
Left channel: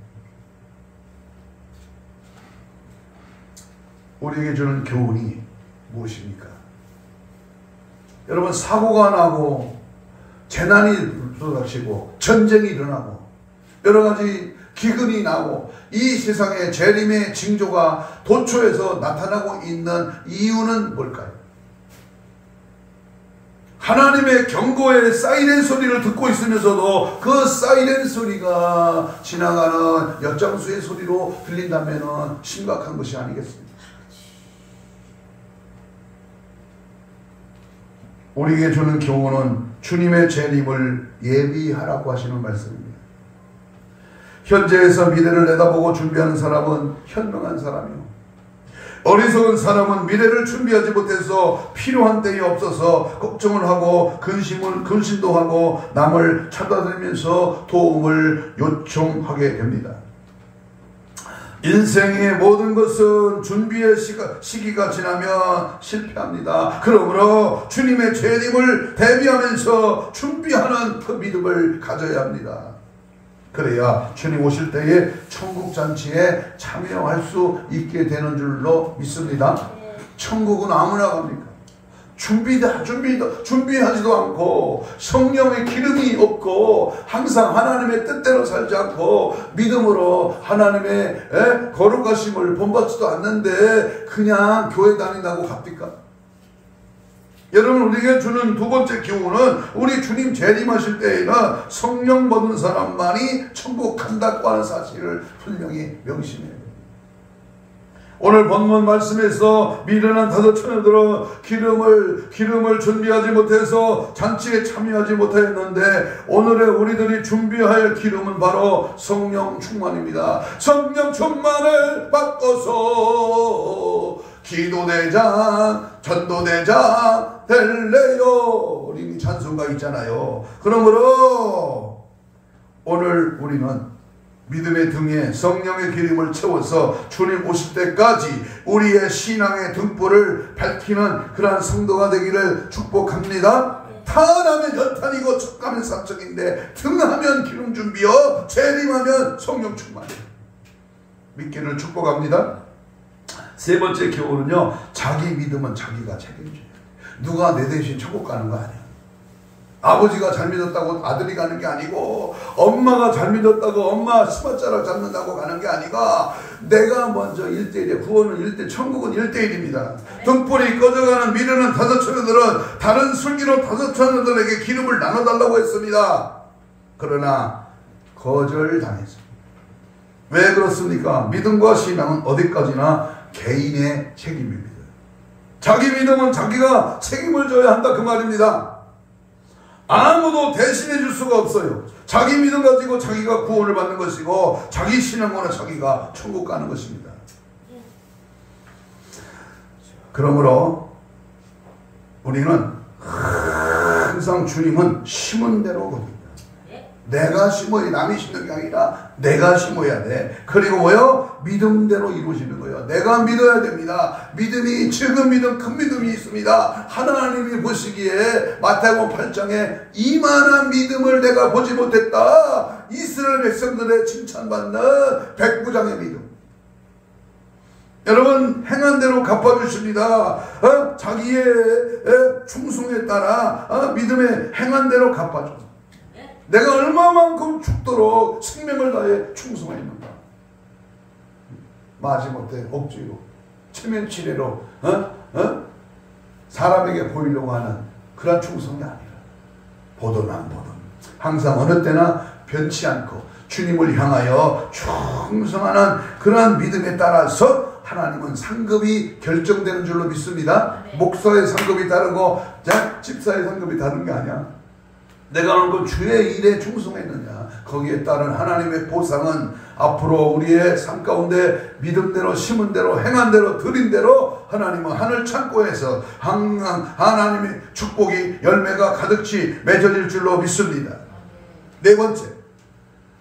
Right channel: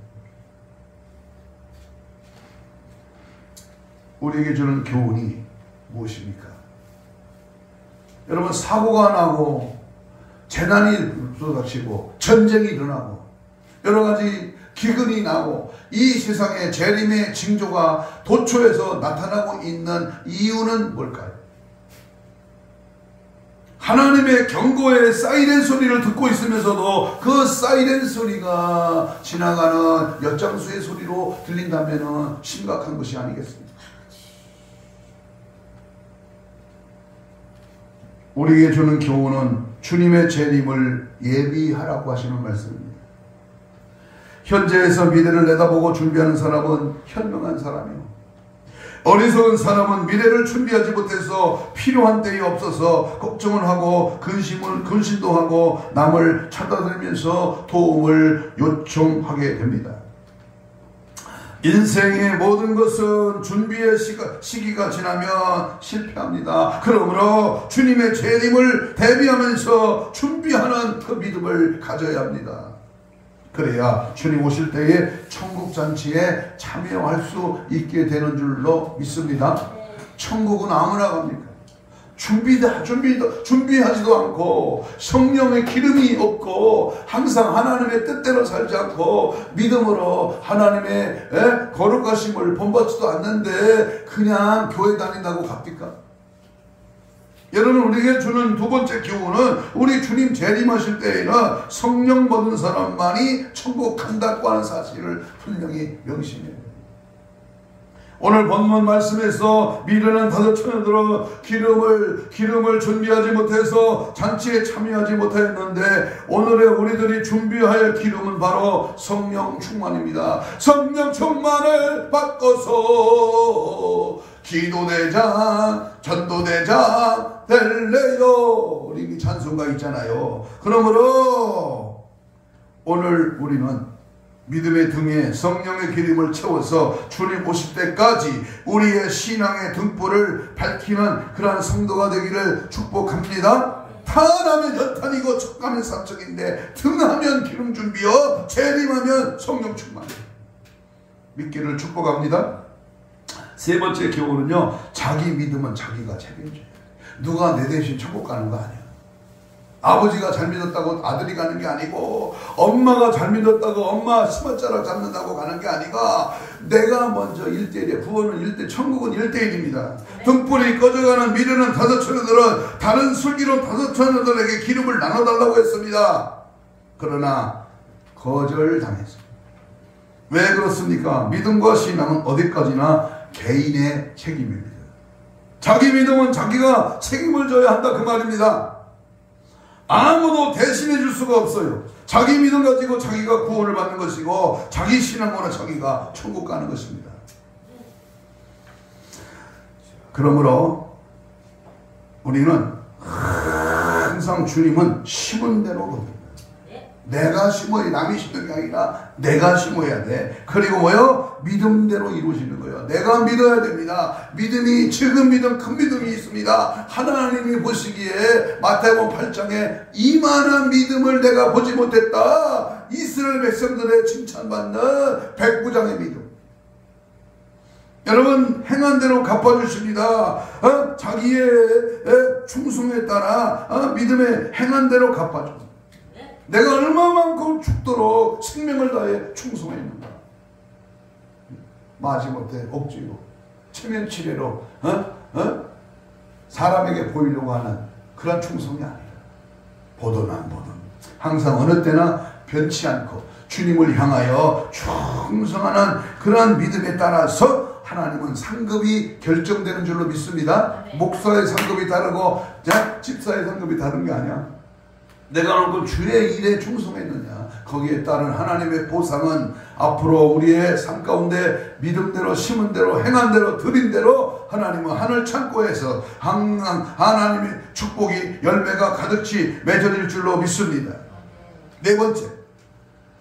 우리에게 주는 교훈이 무엇입니까? 여러분, 사고가 나고 재난이 쏟아지고 전쟁이 일어나고 여러 가지 기근이 나고 이 세상에 재림의 징조가 도처에서 나타나고 있는 이유는 뭘까요? 하나님의 경고의 사이렌 소리를 듣고 있으면서도 그 사이렌 소리가 지나가는 엿장수의 소리로 들린다면 심각한 것이 아니겠습니까? 우리에게 주는 교훈은 주님의 재림을 예비하라고 하시는 말씀입니다. 현재에서 미래를 내다보고 준비하는 사람은 현명한 사람이요, 어리석은 사람은 미래를 준비하지 못해서 필요한 때에 없어서 걱정을 하고 근심도 하고 남을 찾아다니면서 도움을 요청하게 됩니다. 인생의 모든 것은 준비의 시기가 지나면 실패합니다. 그러므로 주님의 재림을 대비하면서 준비하는 그 믿음을 가져야 합니다. 그래야 주님 오실 때에 천국잔치에 참여할 수 있게 되는 줄로 믿습니다. 천국은 아무나 갑니까? 준비하지도 않고 성령의 기름이 없고 항상 하나님의 뜻대로 살지 않고 믿음으로 하나님의 거룩하심을 본받지도 않는데 그냥 교회 다닌다고 갑니까? 여러분, 우리에게 주는 두 번째 교훈은 우리 주님 재림하실 때에는 성령 받은 사람만이 천국 간다고 하는 사실을 분명히 명심해요. 오늘 본문 말씀에서 미련한 다섯 처녀들은 기름을 준비하지 못해서 잔치에 참여하지 못하였는데, 오늘의 우리들이 준비해야 할 기름은 바로 성령 충만입니다. 성령 충만을 받고서 기도대장, 전도대장 될래요. 우리 찬송가 있잖아요. 그러므로 오늘 우리는 믿음의 등에 성령의 기름을 채워서 주님 오실 때까지 우리의 신앙의 등불을 밝히는 그러한 성도가 되기를 축복합니다. 탄하면 연탄이고 촉감은 사적인데 등하면 기름 준비요, 재림하면 성령 충만. 믿기를 축복합니다. 세 번째 교훈은요, 자기 믿음은 자기가 책임져요. 누가 내 대신 천국 가는 거 아니에요. 아버지가 잘 믿었다고 아들이 가는 게 아니고, 엄마가 잘 믿었다고 엄마 스마자락 잡는다고 가는 게 아니라, 내가 먼저 1대1이에요. 구원은 1대1, 천국은 1대1입니다. 등불이 꺼져가는 미련한 다섯 처녀들은 다른 슬기로운 다섯 처녀들에게 기름을 나눠달라고 했습니다. 그러나 거절당했습니다. 왜 그렇습니까? 믿음과 신앙은 어디까지나 개인의 책임입니다. 자기 믿음은 자기가 책임을 져야 한다, 그 말입니다. 아무도 대신해 줄 수가 없어요. 자기 믿음 가지고 자기가 구원을 받는 것이고, 자기 신앙으로 자기가 천국 가는 것입니다. 그러므로 우리는 항상 주님은 심은 대로, 내가 심어야, 남이 심는 게 아니라 내가 심어야 돼. 그리고 뭐요? 믿음대로 이루어지는 거예요. 내가 믿어야 됩니다. 믿음이, 적은 믿음, 큰 믿음이 있습니다. 하나님이 보시기에 마태복음 8장에 이만한 믿음을 내가 보지 못했다, 이스라엘 백성들의 칭찬받는 백부장의 믿음. 여러분, 행한 대로 갚아주십니다. 자기의 충성에 따라 믿음의 행한 대로 갚아줘. 내가 얼마만큼 죽도록 생명을 다해 충성했는가. 마지못해 억지로, 체면치레로 사람에게 보이려고 하는 그런 충성이 아니라, 보든 안 보든 항상 어느 때나 변치 않고 주님을 향하여 충성하는 그런 믿음에 따라서 하나님은 상급이 결정되는 줄로 믿습니다. 목사의 상급이 다르고 집사의 상급이 다른 게 아니야. 내가 어느 주의 일에 충성했느냐, 거기에 따른 하나님의 보상은 앞으로 우리의 삶 가운데 믿음대로, 심은 대로, 행한 대로, 드린 대로 하나님은 하늘 창고에서 항상 하나님의 축복이, 열매가 가득히 맺어질 줄로 믿습니다. 네 번째,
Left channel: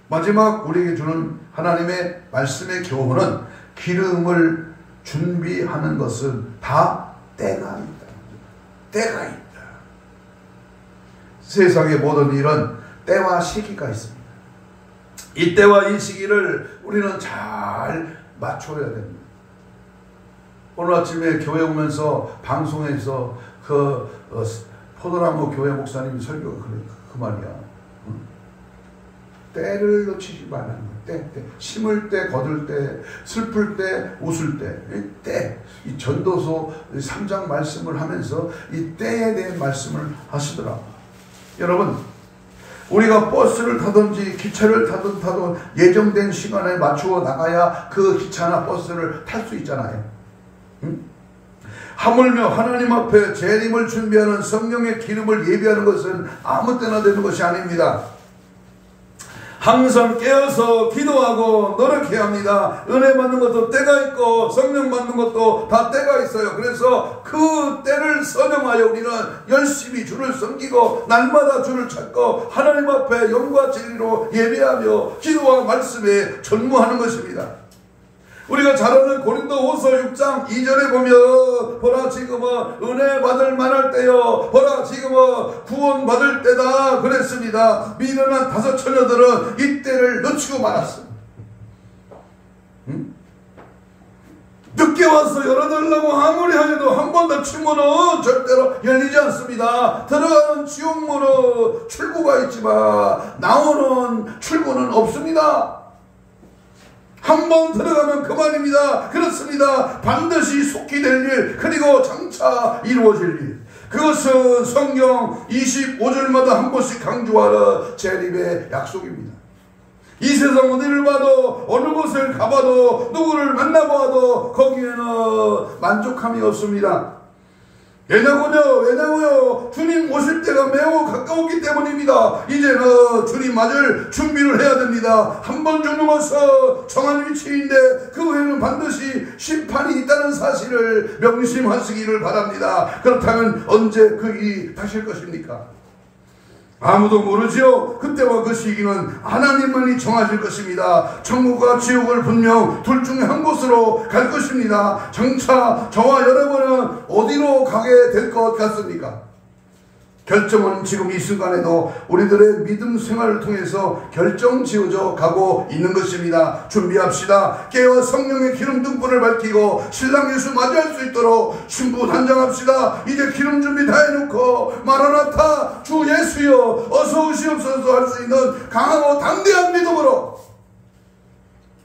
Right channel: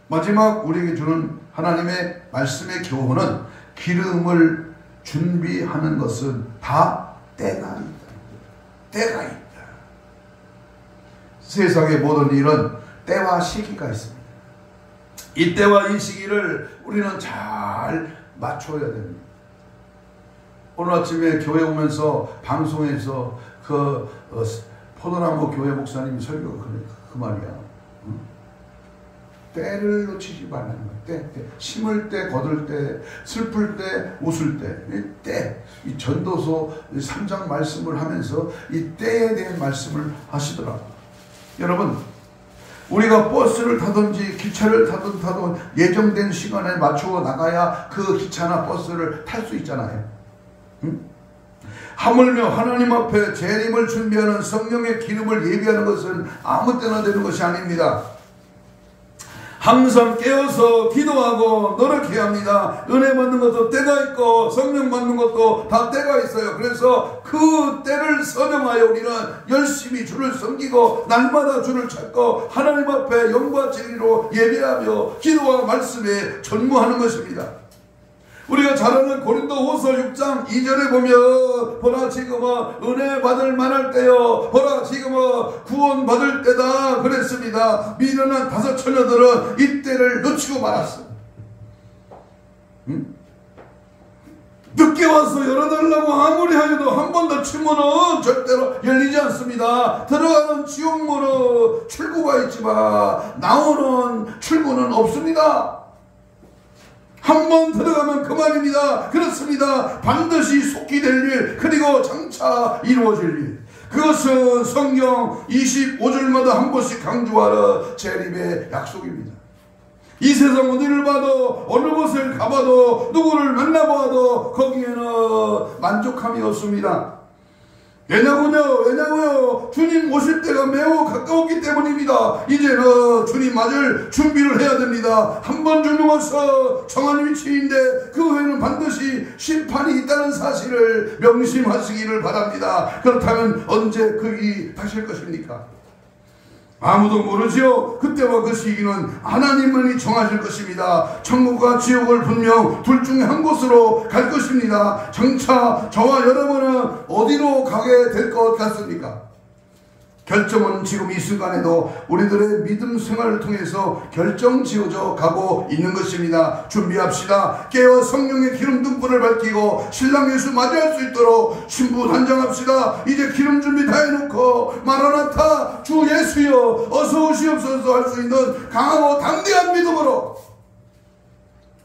마지막 우리에게 주는 하나님의 말씀의 교훈은, 기름을 준비하는 것은 다 때가 있다. 때가 있다. 세상의 모든 일은 때와 시기가 있습니다. 이 때와 이 시기를 우리는 잘 맞춰야 됩니다. 오늘 아침에 교회 오면서 방송에서 포도나무 교회 목사님이 설교가 그 말이야. 때를 놓치지 말라는 거야. 때. 심을 때, 거둘 때, 슬플 때, 웃을 때. 이 전도서 3장 말씀을 하면서 이 때에 대한 말씀을 하시더라고요. 여러분, 우리가 버스를 타든지 기차를 타든 예정된 시간에 맞추어 나가야 그 기차나 버스를 탈 수 있잖아요. 응? 하물며 하나님 앞에 재림을 준비하는 성령의 기름을 예비하는 것은 아무 때나 되는 것이 아닙니다. 항상 깨어서 기도하고 노력해야 합니다. 은혜 받는 것도 때가 있고 성령 받는 것도 다 때가 있어요. 그래서 그 때를 선정하여 우리는 열심히 주를 섬기고 날마다 주를 찾고 하나님 앞에 영과 진리로 예배하며 기도와 말씀에 전무하는 것입니다. 우리가 잘 아는 고린도후서 6장 2절에 보면, 보라 지금은 은혜 받을 만할 때요, 보라 지금은 구원 받을 때다 그랬습니다. 미련한 다섯 처녀들은 이 때를 놓치고 말았습니다. 늦게 와서 열어달라고 아무리 하여도 한 번 더 침문은 절대로 열리지 않습니다. 들어가는 지옥문은 출구가 있지만 나오는 출구는 없습니다. 한 번 들어가면 그만입니다. 그렇습니다. 반드시 속히 될 일, 그리고 장차 이루어질 일. 그것은 성경 25절마다 한 번씩 강조하는 재림의 약속입니다. 이 세상 어디를 봐도 어느 곳을 가봐도 누구를 만나봐도 거기에는 만족함이 없습니다. 왜냐고요? 주님 오실 때가 매우 가까웠기 때문입니다. 이제는 주님 맞을 준비를 해야 됩니다. 한 번 주님으로서 정한 위치인데 그 후에는 반드시 심판이 있다는 사실을 명심하시기를 바랍니다. 그렇다면 언제 그 일이 다실 것입니까? 아무도 모르죠. 그때와 그 시기는 하나님만이 정하실 것입니다. 천국과 지옥을 분명 둘 중에 한 곳으로 갈 것입니다. 장차 저와 여러분은 어디로 가게 될 것 같습니까? 결정은 지금 이 순간에도 우리들의 믿음 생활을 통해서 결정 지어져 가고 있는 것입니다. 준비합시다. 깨어 성령의 기름 등불을 밝히고 신랑 예수 맞이할 수 있도록 신부 단장합시다. 이제 기름 준비 다 해놓고 마라나타 주 예수여 어서 오시옵소서 할 수 있는 강하고 담대한 믿음으로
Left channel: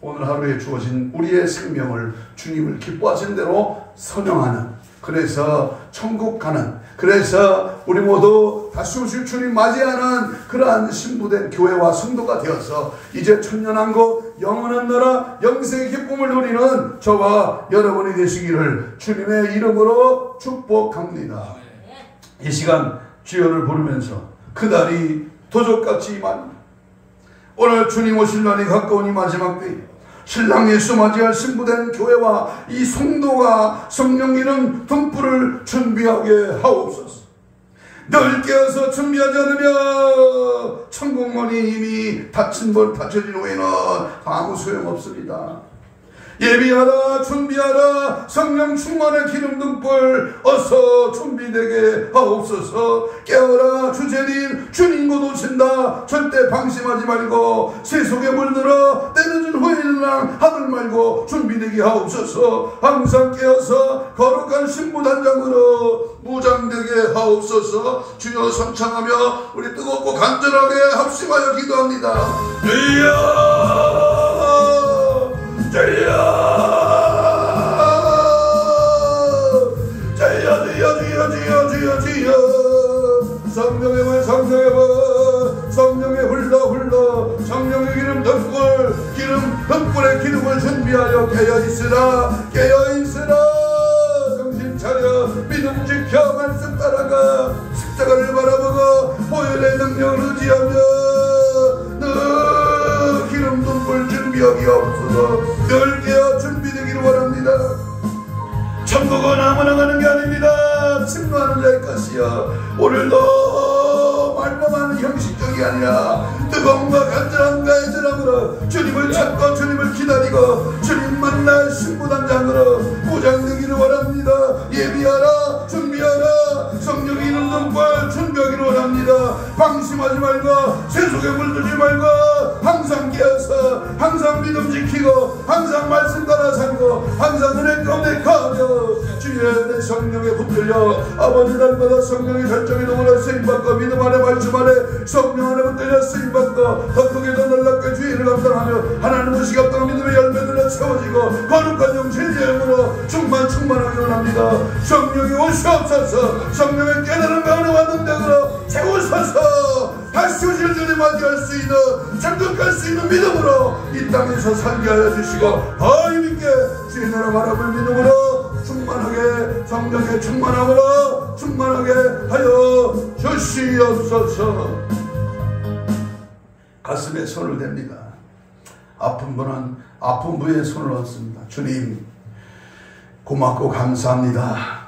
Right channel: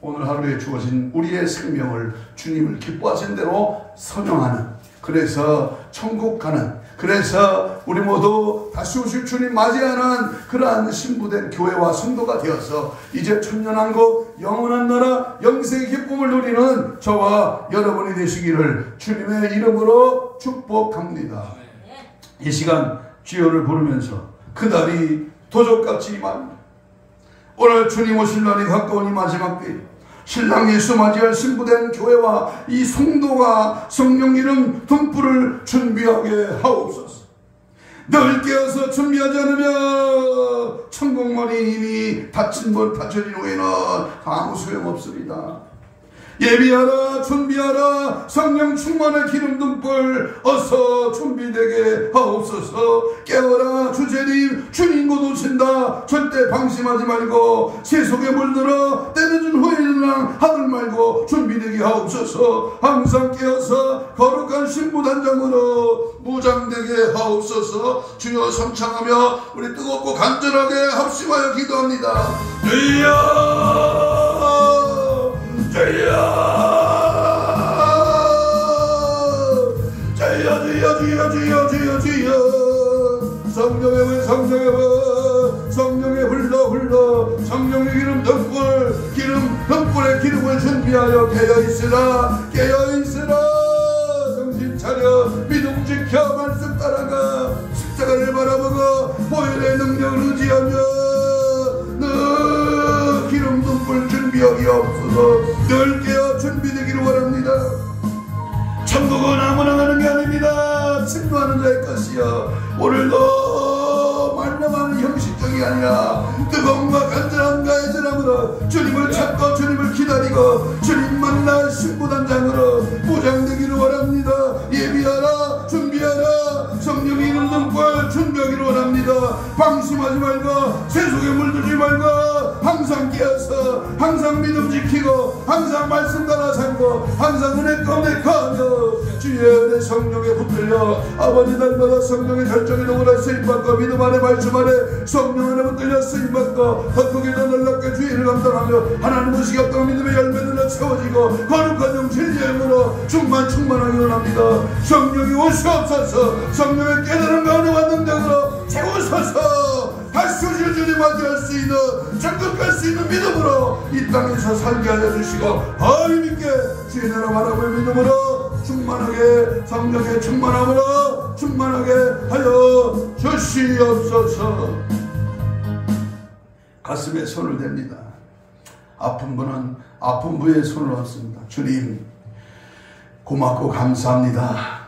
오늘 하루에 주어진 우리의 생명을 주님을 기뻐하신 대로 선용하는, 그래서 천국 가는, 그래서 우리 모두 다시 오실 주님 맞이하는 그러한 신부된 교회와 성도가 되어서 이제 천년왕국 영원한 나라 영생의 기쁨을 누리는 저와 여러분이 되시기를 주님의 이름으로 축복합니다. 이 시간 주여를 부르면서 그날이 도적같이 임합니다. 오늘 주님 오실 날이 가까우니 마지막 때 신랑 예수 맞이할 신부된 교회와 이 성도가 성령 이름 등불을 준비하게 하옵소서. 늘 깨어서 준비하지 않으면 천국문이 이미 닫혀진 후에는 아무 소용없습니다. 예비하라, 준비하라, 성령 충만의 기름 등불 어서 준비되게 하옵소서. 깨어라, 주제님 주님 곧 오신다. 절대 방심하지 말고 세속에 물들어 때늦은 후에는 하늘 말고 준비되게 하옵소서. 항상 깨어서 거룩한 신부단장으로 무장되게 하옵소서. 주여 성창하며 우리 뜨겁고 간절하게 합심하여 기도합니다. 주여 주여 성령의 물 성령의 흘러 성령의 기름 등불의 기름을 준비하여 깨어있으라 정신 차려 믿음 지켜 말씀 따라가 십자가를 바라보고 보혈의 능력을 의지하며 늘 기름 등불 준비하기 앞서서 늘 깨어 준비되기를 원합니다. 천국은 아무나 가는 게 아닙니다. 승리하는 자의 것이여. 오늘도 말로만 하는 형식적이 아니라 뜨거움과 간절함과 애절함으로 주님을 찾고 주님을 기다리고 주님 만날 신부단장으로 무장되기를 원합니다. 예비하라, 준비하라, 성령의 이름 등불 준비하기를 원합니다. 방심하지 말고 세속에 물들지 말고 항상 깨어서 항상 믿음 지키고 항상 말씀 따라 살고 항상 은혜 가운데 거하며 주의 내 성령에 붙들려 아버지 날마다 성령의 결정에 누구나 쓰임받고 믿음 안에 말씀 안에 성령 안에 붙들려 쓰임받고 더 크게 더 놀랍게 주의를 감당하며 하나님의 시각과 믿음의 열매들로 채워지고 거룩한 영 진리의 영으로 충만하기 원합니다. 성령이 오시옵소서. 성령의 깨달음과 은혜와 능력으로 채우소서. 다시 오실 주님 맞이할 수 있는 천국 갈 수 있는 믿음으로 이 땅에서 살게 하여 주시고 더 힘있게 주의 나라 바라볼 믿음으로 충만하게 성령의 충만함으로 충만하게 하여 주시옵소서. 가슴에 손을 댑니다. 아픈 분은 아픈 부에 손을 얹습니다. 주님 고맙고 감사합니다.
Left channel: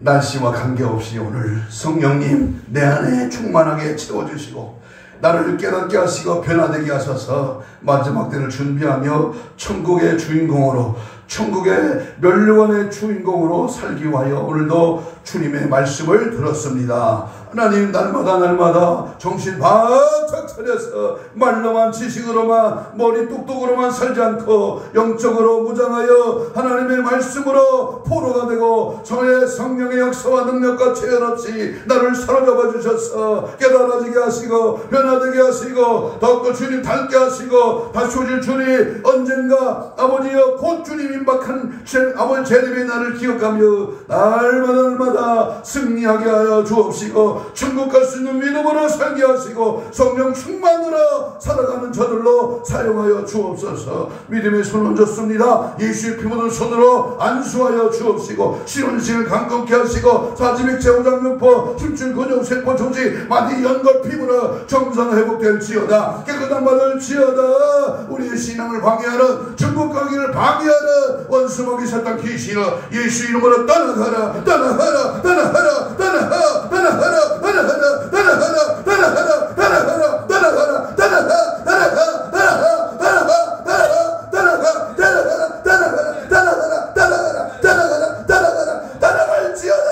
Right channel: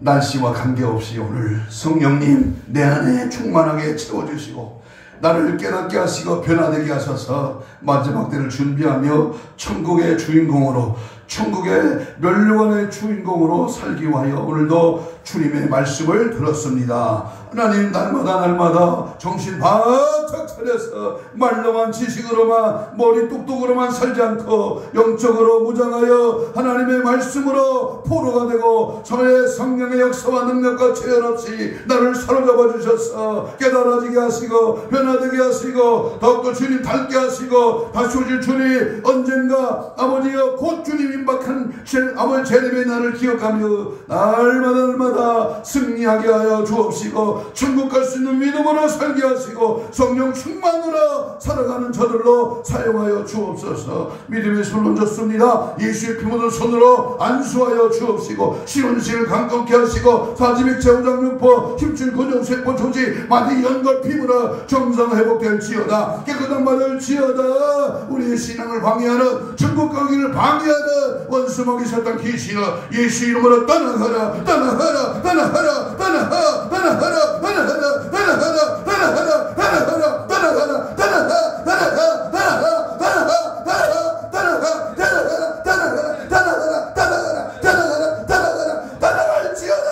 날씨와 관계없이 오늘 성령님 내 안에 충만하게 채워주시고 나를 깨닫게 하시고 변화되게 하셔서 마지막 때를 준비하며 천국의 주인공으로 천국의 멸류관의 주인공으로 살기 위하여 오늘도 주님의 말씀을 들었습니다. 하나님 날마다 정신 바짝 차려서 말로만 지식으로만 머리 똑똑으로만 살지 않고 영적으로 무장하여 하나님의 말씀으로 포로가 되고 저의 성령의 역사와 능력과 체현 없이 나를 사로잡아 주셔서 깨달아지게 하시고 변화되게 하시고 더욱더 주님 닮게 하시고 다시 오실 주님 언젠가 아버지여 곧 주님 임박한 아버지 재림의 날을 기억하며 날마다 승리하게 하여 주옵시고 천국 갈 수 있는 믿음으로 살게 하시고 성령 충만으로 살아가는 저들로 사용하여 주옵소서. 믿음의 손을 얹었습니다. 예수의 피묻은 손으로 안수하여 주옵시고 시온식을 강건케 하시고 사지맥 제후장육포 힘줄 근육세포 조직 마디 연골 피부로 정상 회복될지어다. 깨끗한 바를 지어다. 우리의 신앙을 방해하는 천국 가기를 방해하는 원수 먹이셨던 귀신을 예수 이름으로 떠나가라 떠나가라 떠나가라 떠나가라 떠나가라 떠나가라 떠나가라 떠나가라 떠나가라 떠나가라 떠나가라 떠나갈지어다.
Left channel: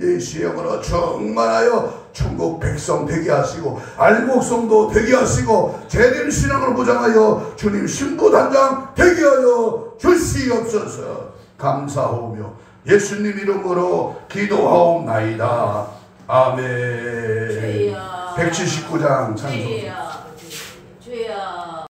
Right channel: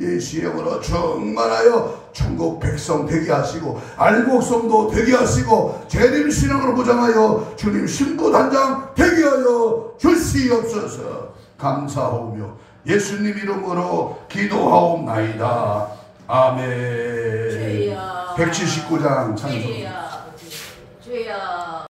예수의 이름으로 충만하여 천국 백성 되게 하시고 알곡성도 되게 하시고 재림 신앙을 무장하여 주님 신부 단장 되게 하여 주시옵소서. 감사하오며 예수님 이름으로 기도하옵나이다. 아멘. 179장 찬송.